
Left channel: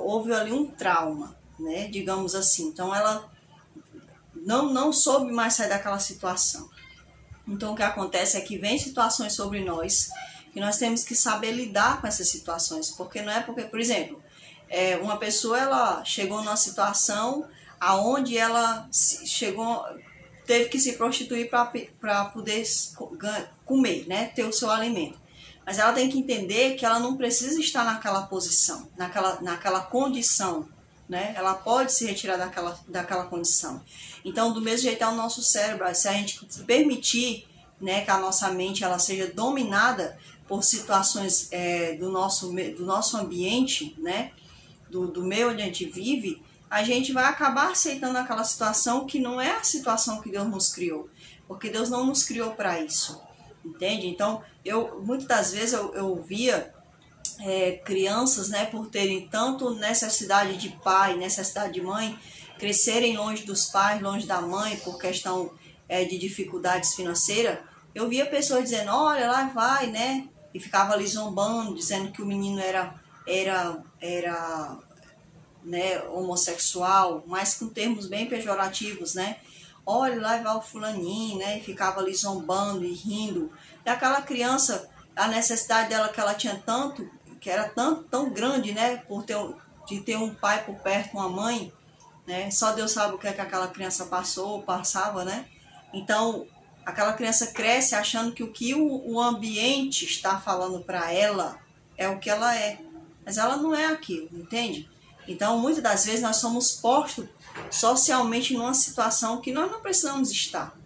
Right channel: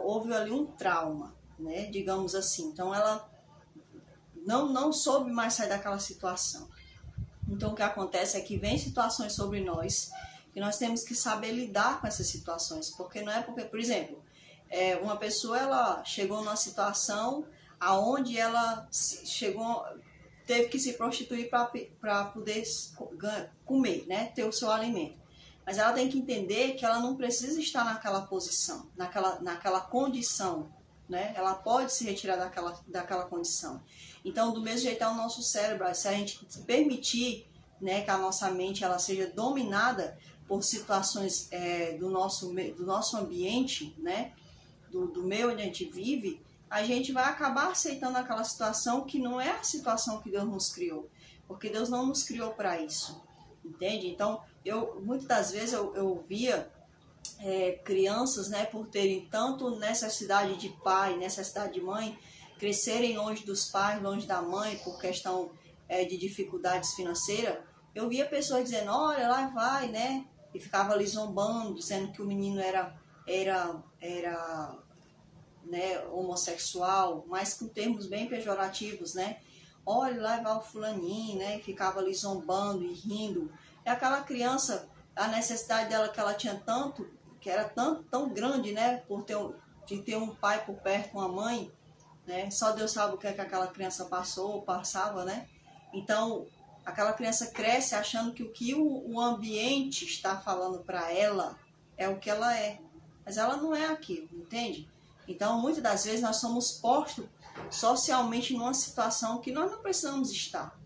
houve ali um trauma, né, digamos assim. Então ela não soube mais sair daquela situação. Então o que acontece é que vem situações sobre nós e nós temos que saber lidar com essas situações, porque não é porque, por exemplo, uma pessoa ela chegou numa situação aonde ela teve que se prostituir para poder comer, né, ter o seu alimento. Mas ela tem que entender que ela não precisa estar naquela posição, naquela condição, né? Ela pode se retirar daquela condição. Então, do mesmo jeito é o nosso cérebro. Se a gente permitir, né, que a nossa mente ela seja dominada por situações do nosso ambiente, né, do meio onde a gente vive, a gente vai acabar aceitando aquela situação que não é a situação que Deus nos criou. Porque Deus não nos criou para isso, entende? Então, muitas das vezes eu via crianças, né, por terem tanto necessidade de pai, necessidade de mãe, crescerem longe dos pais, longe da mãe, por questão de dificuldades financeiras. Eu via pessoas dizendo, olha, lá vai, né? E ficava ali zombando, dizendo que o menino era né, homossexual, mas com termos bem pejorativos, né? Olha, lá vai o fulaninho, né? E ficava ali zombando e rindo. E aquela criança, a necessidade dela que ela tinha tanto, que era tão grande, né? De ter um pai por perto, uma mãe, né? Só Deus sabe o que é que aquela criança passava, né? Então, aquela criança cresce achando que o que o ambiente está falando para ela é o que ela é. Mas ela não é aquilo, entende? Então, muitas das vezes nós somos postos socialmente numa situação que nós não precisamos estar,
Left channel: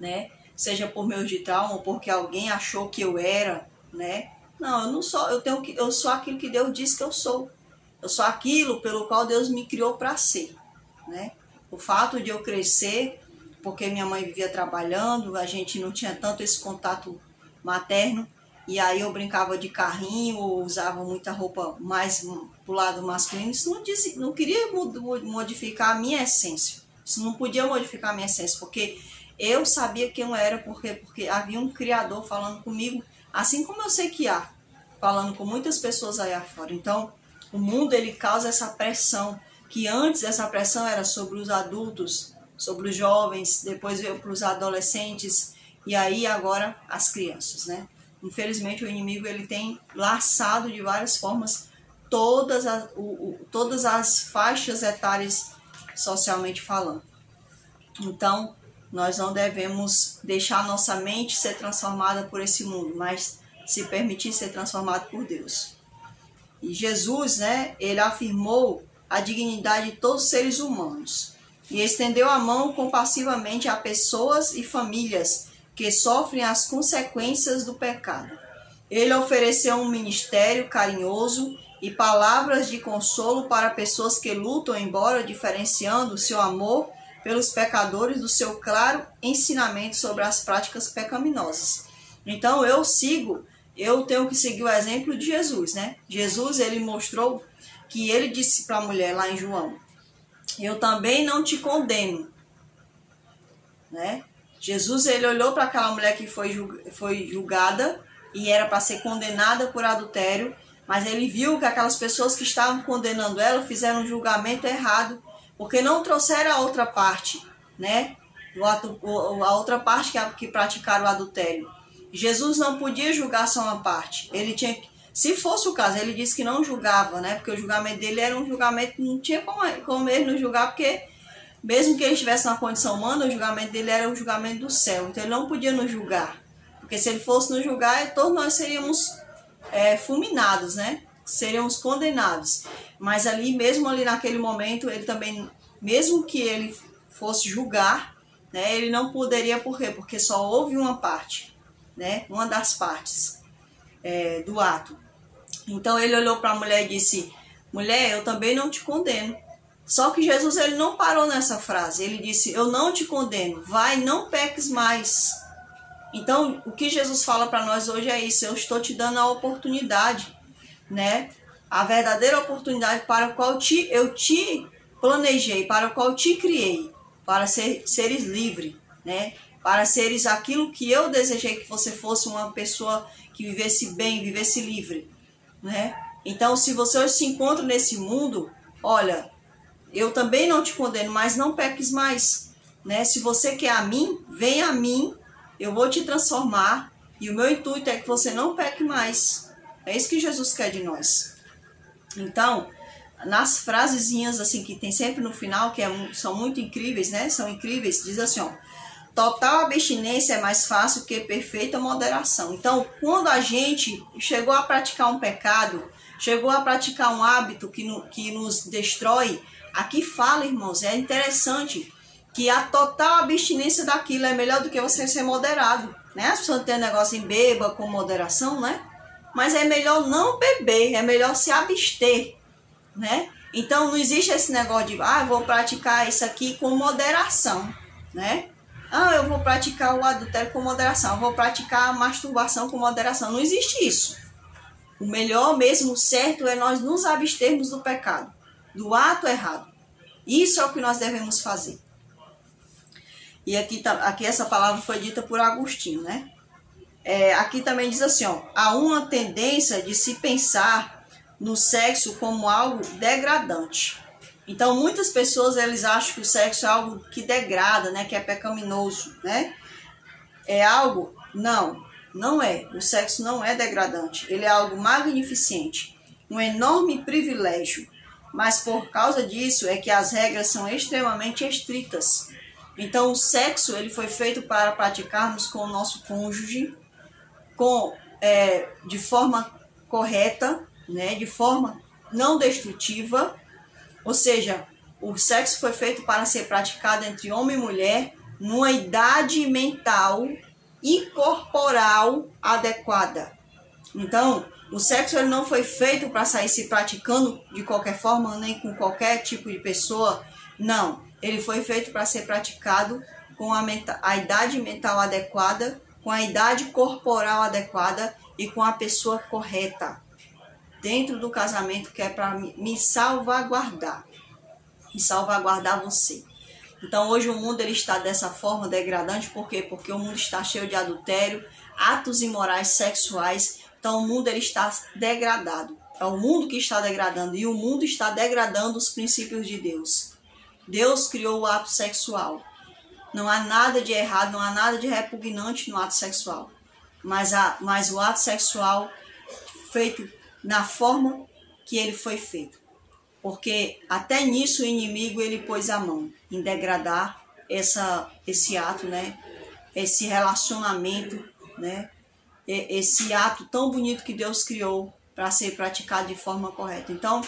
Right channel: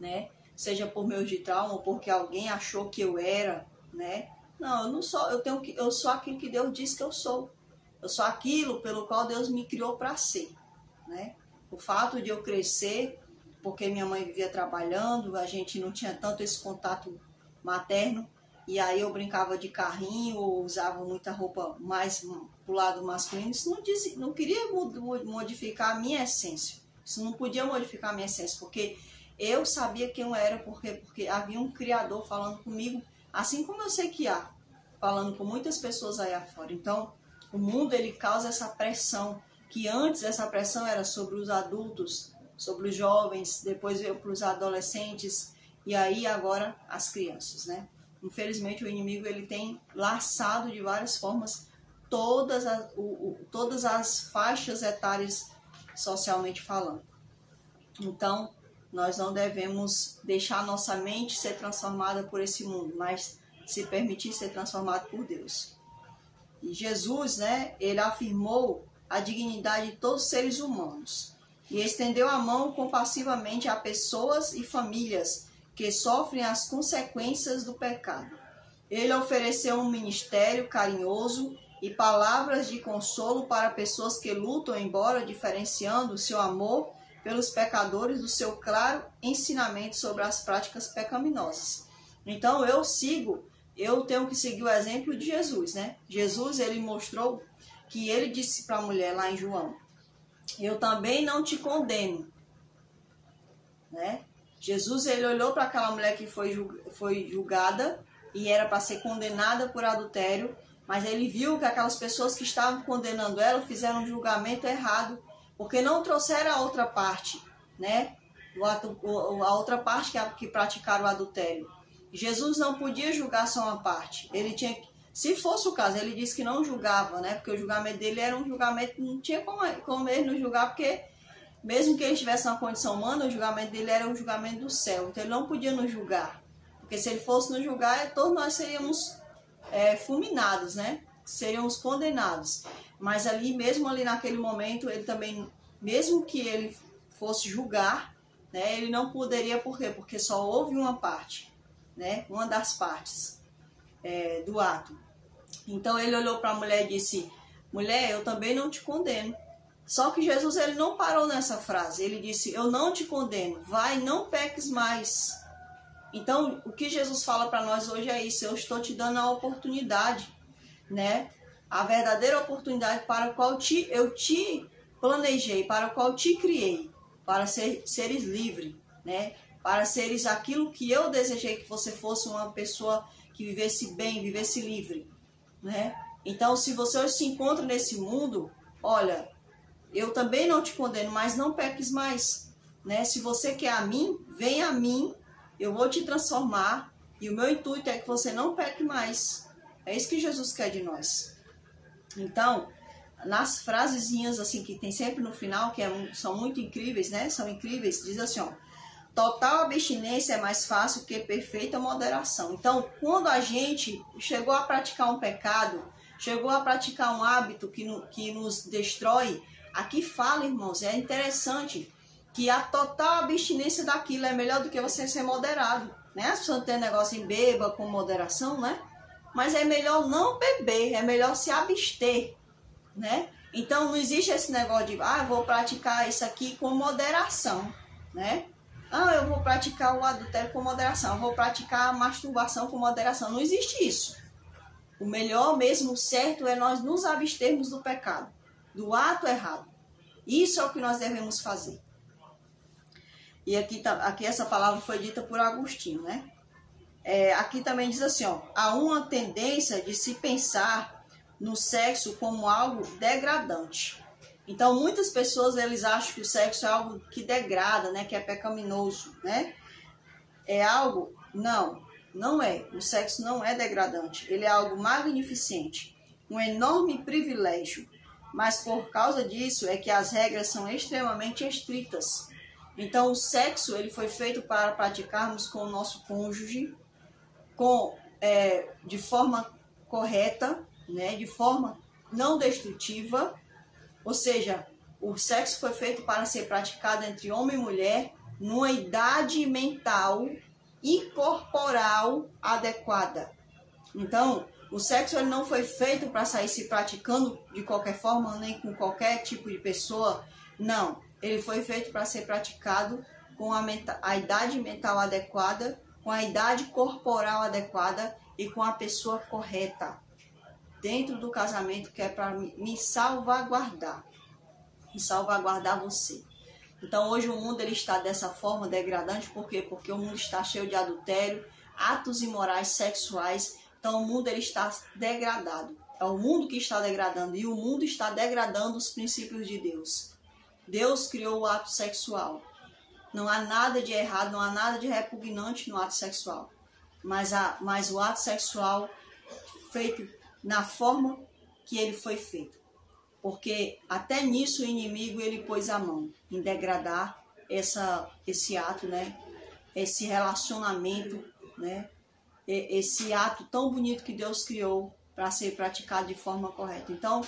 né? Seja por meio de trauma ou porque alguém achou que eu era, né? Não, eu não sou, eu sou aquilo que Deus disse que eu sou. Eu sou aquilo pelo qual Deus me criou para ser, né? O fato de eu crescer, porque minha mãe vivia trabalhando, a gente não tinha tanto esse contato materno, e aí eu brincava de carrinho, usava muita roupa mais pro lado masculino. Isso não queria modificar a minha essência. Isso não podia modificar a minha essência, porque eu sabia quem eu era, porque havia um Criador falando comigo, assim como eu sei que há, falando com muitas pessoas aí afora. Então, o mundo ele causa essa pressão, que antes essa pressão era sobre os adultos, sobre os jovens, depois veio para os adolescentes, e aí agora as crianças, né? Infelizmente o inimigo ele tem laçado de várias formas todas as faixas etárias socialmente falando. Então, nós não devemos deixar nossa mente ser transformada por esse mundo, mas se permitir ser transformado por Deus. E Jesus, né, ele afirmou a dignidade de todos os seres humanos. e estendeu a mão compassivamente a pessoas e famílias que sofrem as consequências do pecado. Ele ofereceu um ministério carinhoso e palavras de consolo para pessoas que lutam, embora diferenciando seu amor pelos pecadores do seu claro ensinamento sobre as práticas pecaminosas. Então eu tenho que seguir o exemplo de Jesus, né? Jesus, ele mostrou que ele disse para a mulher lá em João: eu também não te condeno, né? Jesus, ele olhou para aquela mulher que foi julgada e era para ser condenada por adultério, mas ele viu que aquelas pessoas que estavam condenando ela fizeram um julgamento errado, porque não trouxeram a outra parte, né? A outra parte que praticaram o adultério. Jesus não podia julgar só uma parte. Ele tinha, se fosse o caso, ele disse que não julgava, né? Porque o julgamento dele era um julgamento, não tinha como ele não julgar, porque mesmo que ele estivesse na condição humana, o julgamento dele era o julgamento do céu. Então ele não podia nos julgar. Porque se ele fosse nos julgar, todos nós seríamos fulminados, né? Seríamos condenados. Mas mesmo ali naquele momento, ele também, mesmo que ele fosse julgar, né? Ele não poderia, por quê? Porque só houve uma parte, né? Uma das partes do ato. Então ele olhou para a mulher e disse: mulher, eu também não te condeno. Só que Jesus, ele não parou nessa frase. Ele disse: eu não te condeno, vai, não peques mais. Então o que Jesus fala para nós hoje é isso: eu estou te dando a oportunidade, né? A verdadeira oportunidade para a qual eu te planejei, para a qual te criei, para seres livre, né? Para seres aquilo que eu desejei que você fosse, uma pessoa que vivesse bem, vivesse livre, né? Então, se você hoje se encontra nesse mundo, olha, eu também não te condeno, mas não peques mais, né? Se você quer a mim, vem a mim, eu vou te transformar, e o meu intuito é que você não peque mais. É isso que Jesus quer de nós. Então, nas frasezinhas assim que tem sempre no final, que são muito incríveis, né? São incríveis, diz assim, ó: total abstinência é mais fácil que perfeita moderação. Então, quando a gente chegou a praticar um pecado, chegou a praticar um hábito que nos destrói, aqui fala, irmãos, é interessante que a total abstinência daquilo é melhor do que você ser moderado, né? As pessoas têm negócio em beba com moderação, né? Mas é melhor não beber, é melhor se abster, né? Então não existe esse negócio de, eu vou praticar isso aqui com moderação, né? Eu vou praticar o adultério com moderação, eu vou praticar a masturbação com moderação. Não existe isso. O melhor mesmo, o certo, é nós nos abstermos do pecado, do ato errado. Isso é o que nós devemos fazer. E aqui essa palavra foi dita por Agostinho, né? Aqui também diz assim, ó: há uma tendência de se pensar no sexo como algo degradante. Então, muitas pessoas, eles acham que o sexo é algo que degrada, né? Que é pecaminoso, né? É algo... Não é. O sexo não é degradante. Ele é algo magnificente, um enorme privilégio. Mas por causa disso é que as regras são extremamente estritas. Então, o sexo, ele foi feito para praticarmos com o nosso cônjuge, de forma correta, né? De forma não destrutiva. Ou seja, o sexo foi feito para ser praticado entre homem e mulher numa idade mental e corporal adequada. Então, o sexo, ele não foi feito para sair se praticando de qualquer forma, nem com qualquer tipo de pessoa. Não, ele foi feito para ser praticado com a idade mental adequada, com a idade corporal adequada e com a pessoa correta, dentro do casamento, que é para me salvaguardar e salvaguardar você. Então hoje o mundo, ele está dessa forma degradante. Por quê? Porque o mundo está cheio de adultério, atos imorais sexuais. Então o mundo, ele está degradado. É o mundo que está degradando, e o mundo está degradando os princípios de Deus. Deus criou o ato sexual. Não há nada de errado, não há nada de repugnante no ato sexual. Mas o ato sexual feito na forma que ele foi feito. Porque até nisso o inimigo, ele pôs a mão em degradar esse ato, né? Esse relacionamento, né? Esse ato tão bonito que Deus criou para ser praticado de forma correta. Então,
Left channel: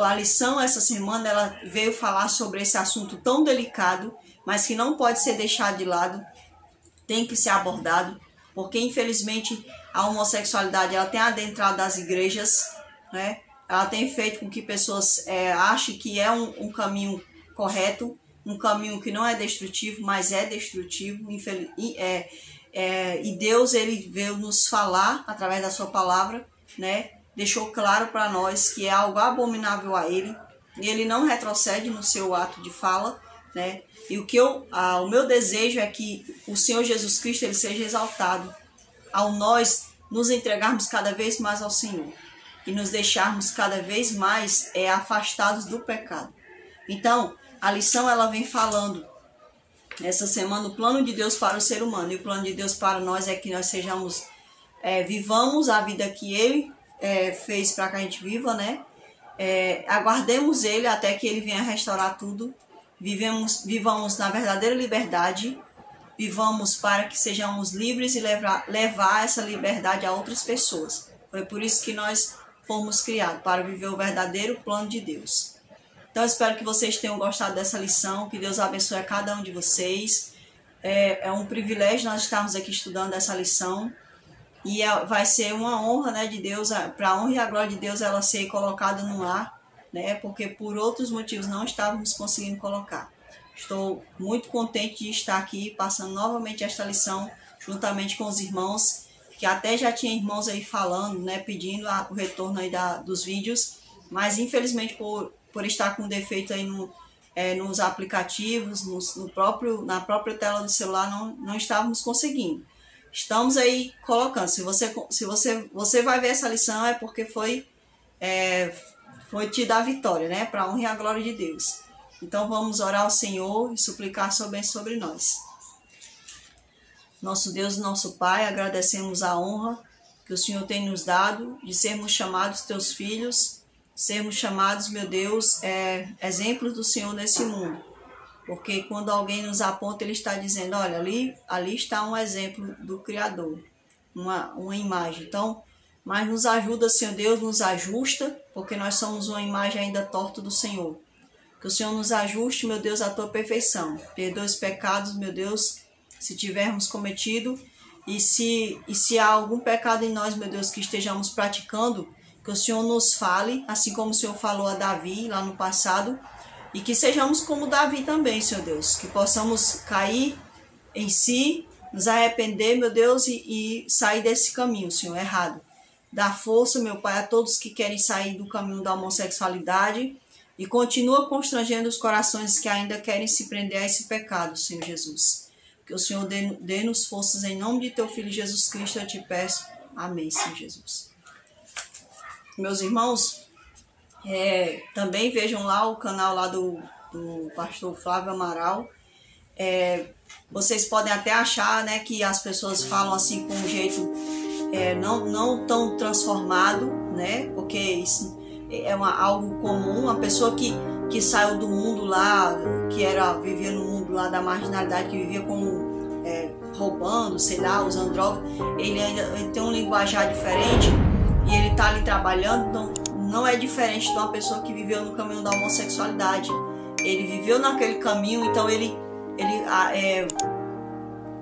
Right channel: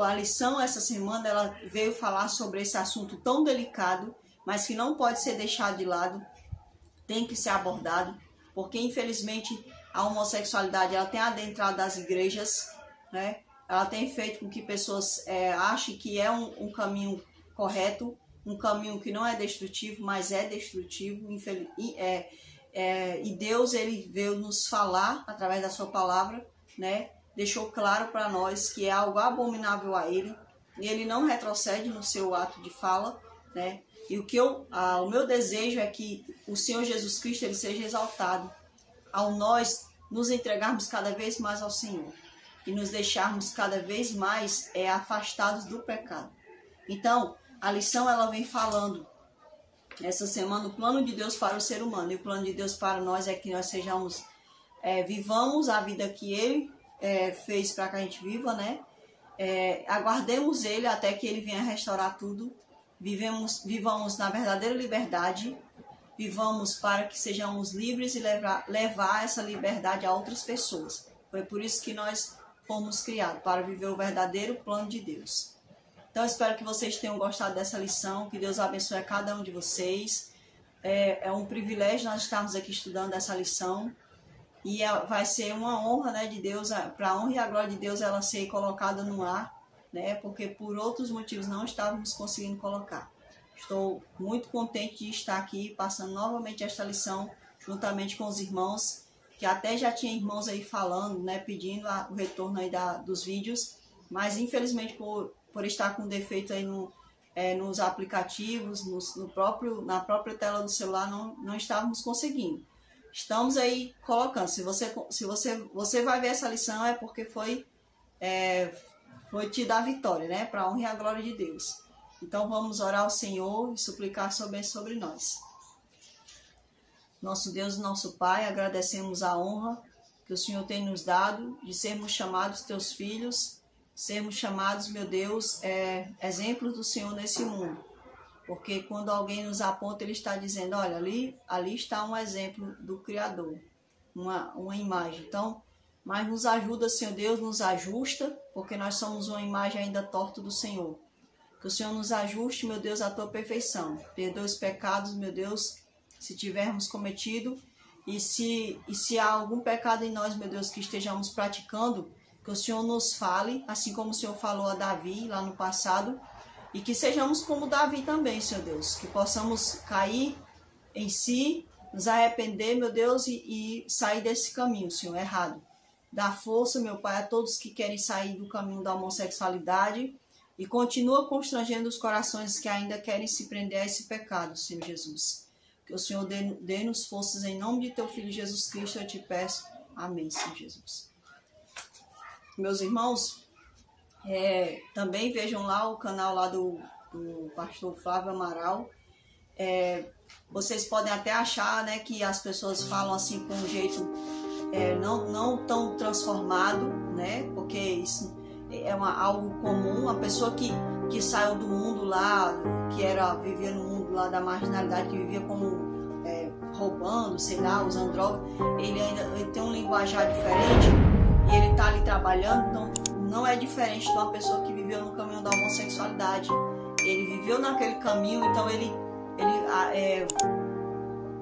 a lição essa semana ela veio falar sobre esse assunto tão delicado, mas que não pode ser deixado de lado, tem que ser abordado, porque infelizmente a homossexualidade ela tem adentrado as igrejas, né? Ela tem feito com que pessoas achem que é um caminho correto, um caminho que não é destrutivo, mas é destrutivo. E Deus ele veio nos falar através da sua palavra, né? Deixou claro para nós que é algo abominável a ele, e ele não retrocede no seu ato de fala, né? E o meu desejo é que o Senhor Jesus Cristo ele seja exaltado ao nós nos entregarmos cada vez mais ao Senhor e nos deixarmos cada vez mais afastados do pecado. Então, a lição ela vem falando essa semana o plano de Deus para o ser humano, e o plano de Deus para nós é que nós vivamos a vida que Ele fez para que a gente viva, né? Aguardemos Ele até que Ele venha restaurar tudo, vivamos na verdadeira liberdade, vivamos para que sejamos livres e levar essa liberdade a outras pessoas. Foi por isso que nós fomos criados, para viver o verdadeiro plano de Deus. Então, eu espero que vocês tenham gostado dessa lição, que Deus abençoe a cada um de vocês. É um privilégio nós estarmos aqui estudando essa lição, e vai ser uma honra, né, de Deus, para a honra e a glória de Deus ela ser colocada no ar, né, porque por outros motivos não estávamos conseguindo colocar. Estou muito contente de estar aqui passando novamente esta lição juntamente com os irmãos, que até já tinha irmãos aí falando, né, pedindo o retorno aí dos vídeos, mas infelizmente por estar com defeito aí nos aplicativos, na própria tela do celular, não estávamos conseguindo. Estamos aí colocando. Se você vai ver essa lição é porque foi te dar a vitória, né, para a honra e a glória de Deus. Então vamos orar ao Senhor e suplicar sobre nós. Nosso Deus e nosso Pai, agradecemos a honra que o Senhor tem nos dado de sermos chamados teus filhos, sermos chamados, meu Deus, exemplos do Senhor nesse mundo. Porque quando alguém nos aponta, ele está dizendo, olha, ali está um exemplo do Criador, uma imagem. Então, mas nos ajuda, Senhor Deus, nos ajusta, porque nós somos uma imagem ainda torta do Senhor. Que o Senhor nos ajuste, meu Deus, à tua perfeição. Perdoa os pecados, meu Deus, se tivermos cometido, e se há algum pecado em nós, meu Deus, que estejamos praticando, que o Senhor nos fale, assim como o Senhor falou a Davi lá no passado, e que sejamos como Davi também, Senhor Deus, que possamos cair em si, nos arrepender, meu Deus, e sair desse caminho, Senhor, errado. Dá força, meu Pai, a todos que querem sair do caminho da homossexualidade, e continua constrangendo os corações que ainda querem se prender a esse pecado, Senhor Jesus. Que o Senhor dê-nos forças em nome de teu Filho Jesus Cristo, eu te peço. Amém, Senhor Jesus. Meus irmãos, também vejam lá o canal lá do pastor Flávio Amaral. Vocês podem até achar, né, que as pessoas falam assim com um jeito não tão transformado, né, porque isso algo comum. Uma pessoa que saiu do mundo lá, vivia no mundo lá da marginalidade, que vivia como roubando, sei lá, usando droga, ele tem um linguajar diferente, e ele está ali trabalhando, então não é diferente de uma pessoa que viveu no caminho da homossexualidade. Ele viveu naquele caminho, então ele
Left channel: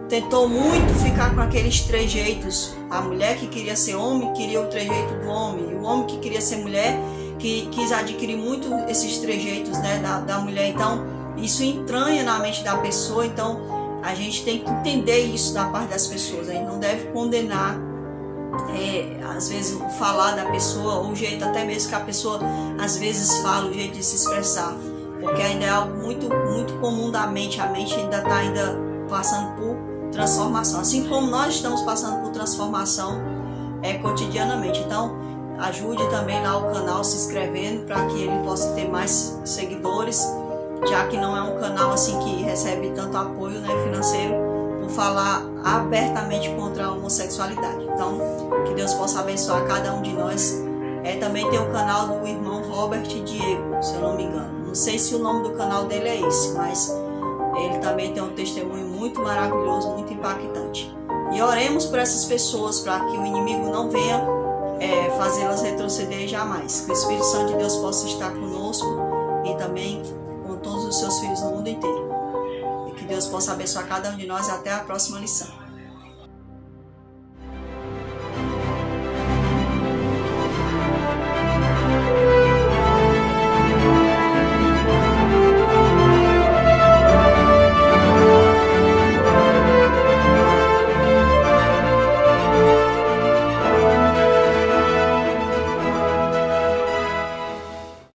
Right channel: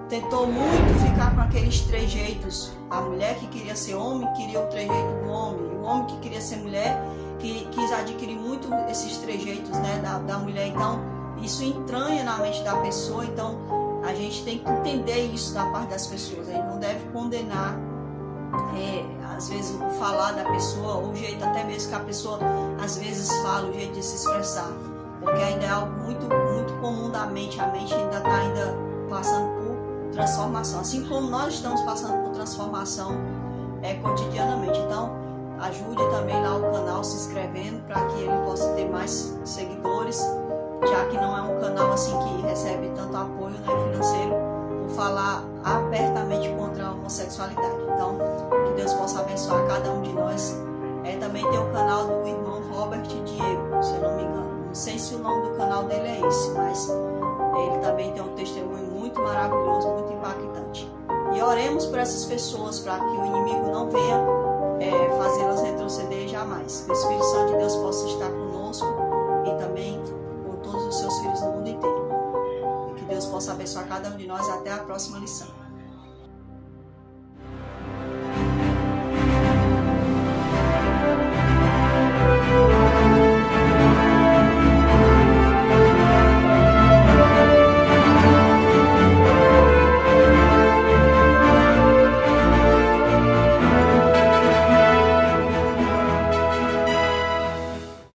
tentou muito ficar com aqueles trejeitos. A mulher que queria ser homem queria o trejeito do homem, e o homem que queria ser mulher que quis adquirir muito esses trejeitos, né, da mulher. Então isso entranha na mente da pessoa. Então a gente tem que entender isso da parte das pessoas. A gente não deve condenar às vezes o falar da pessoa, ou o jeito até mesmo que a pessoa às vezes fala, o jeito de se expressar, porque ainda é algo muito, muito comum da mente. A mente ainda está passando por transformação, assim como nós estamos passando por transformação cotidianamente. Então ajude também lá o canal se inscrevendo, para que ele possa ter mais seguidores, já que não é um canal assim que recebe tanto apoio, né, financeiro, por falar abertamente contra a homossexualidade. Então, que Deus possa abençoar cada um de nós. Também tem o canal do irmão Robert Diego, se eu não me engano. Não sei se o nome do canal dele é esse, mas ele também tem um testemunho muito maravilhoso, muito impactante. E oremos por essas pessoas, para que o inimigo não venha fazê-las retroceder jamais. Que o Espírito Santo de Deus possa estar conosco e também com todos os seus filhos no mundo inteiro. E que Deus possa abençoar cada um de nós. Até a próxima lição.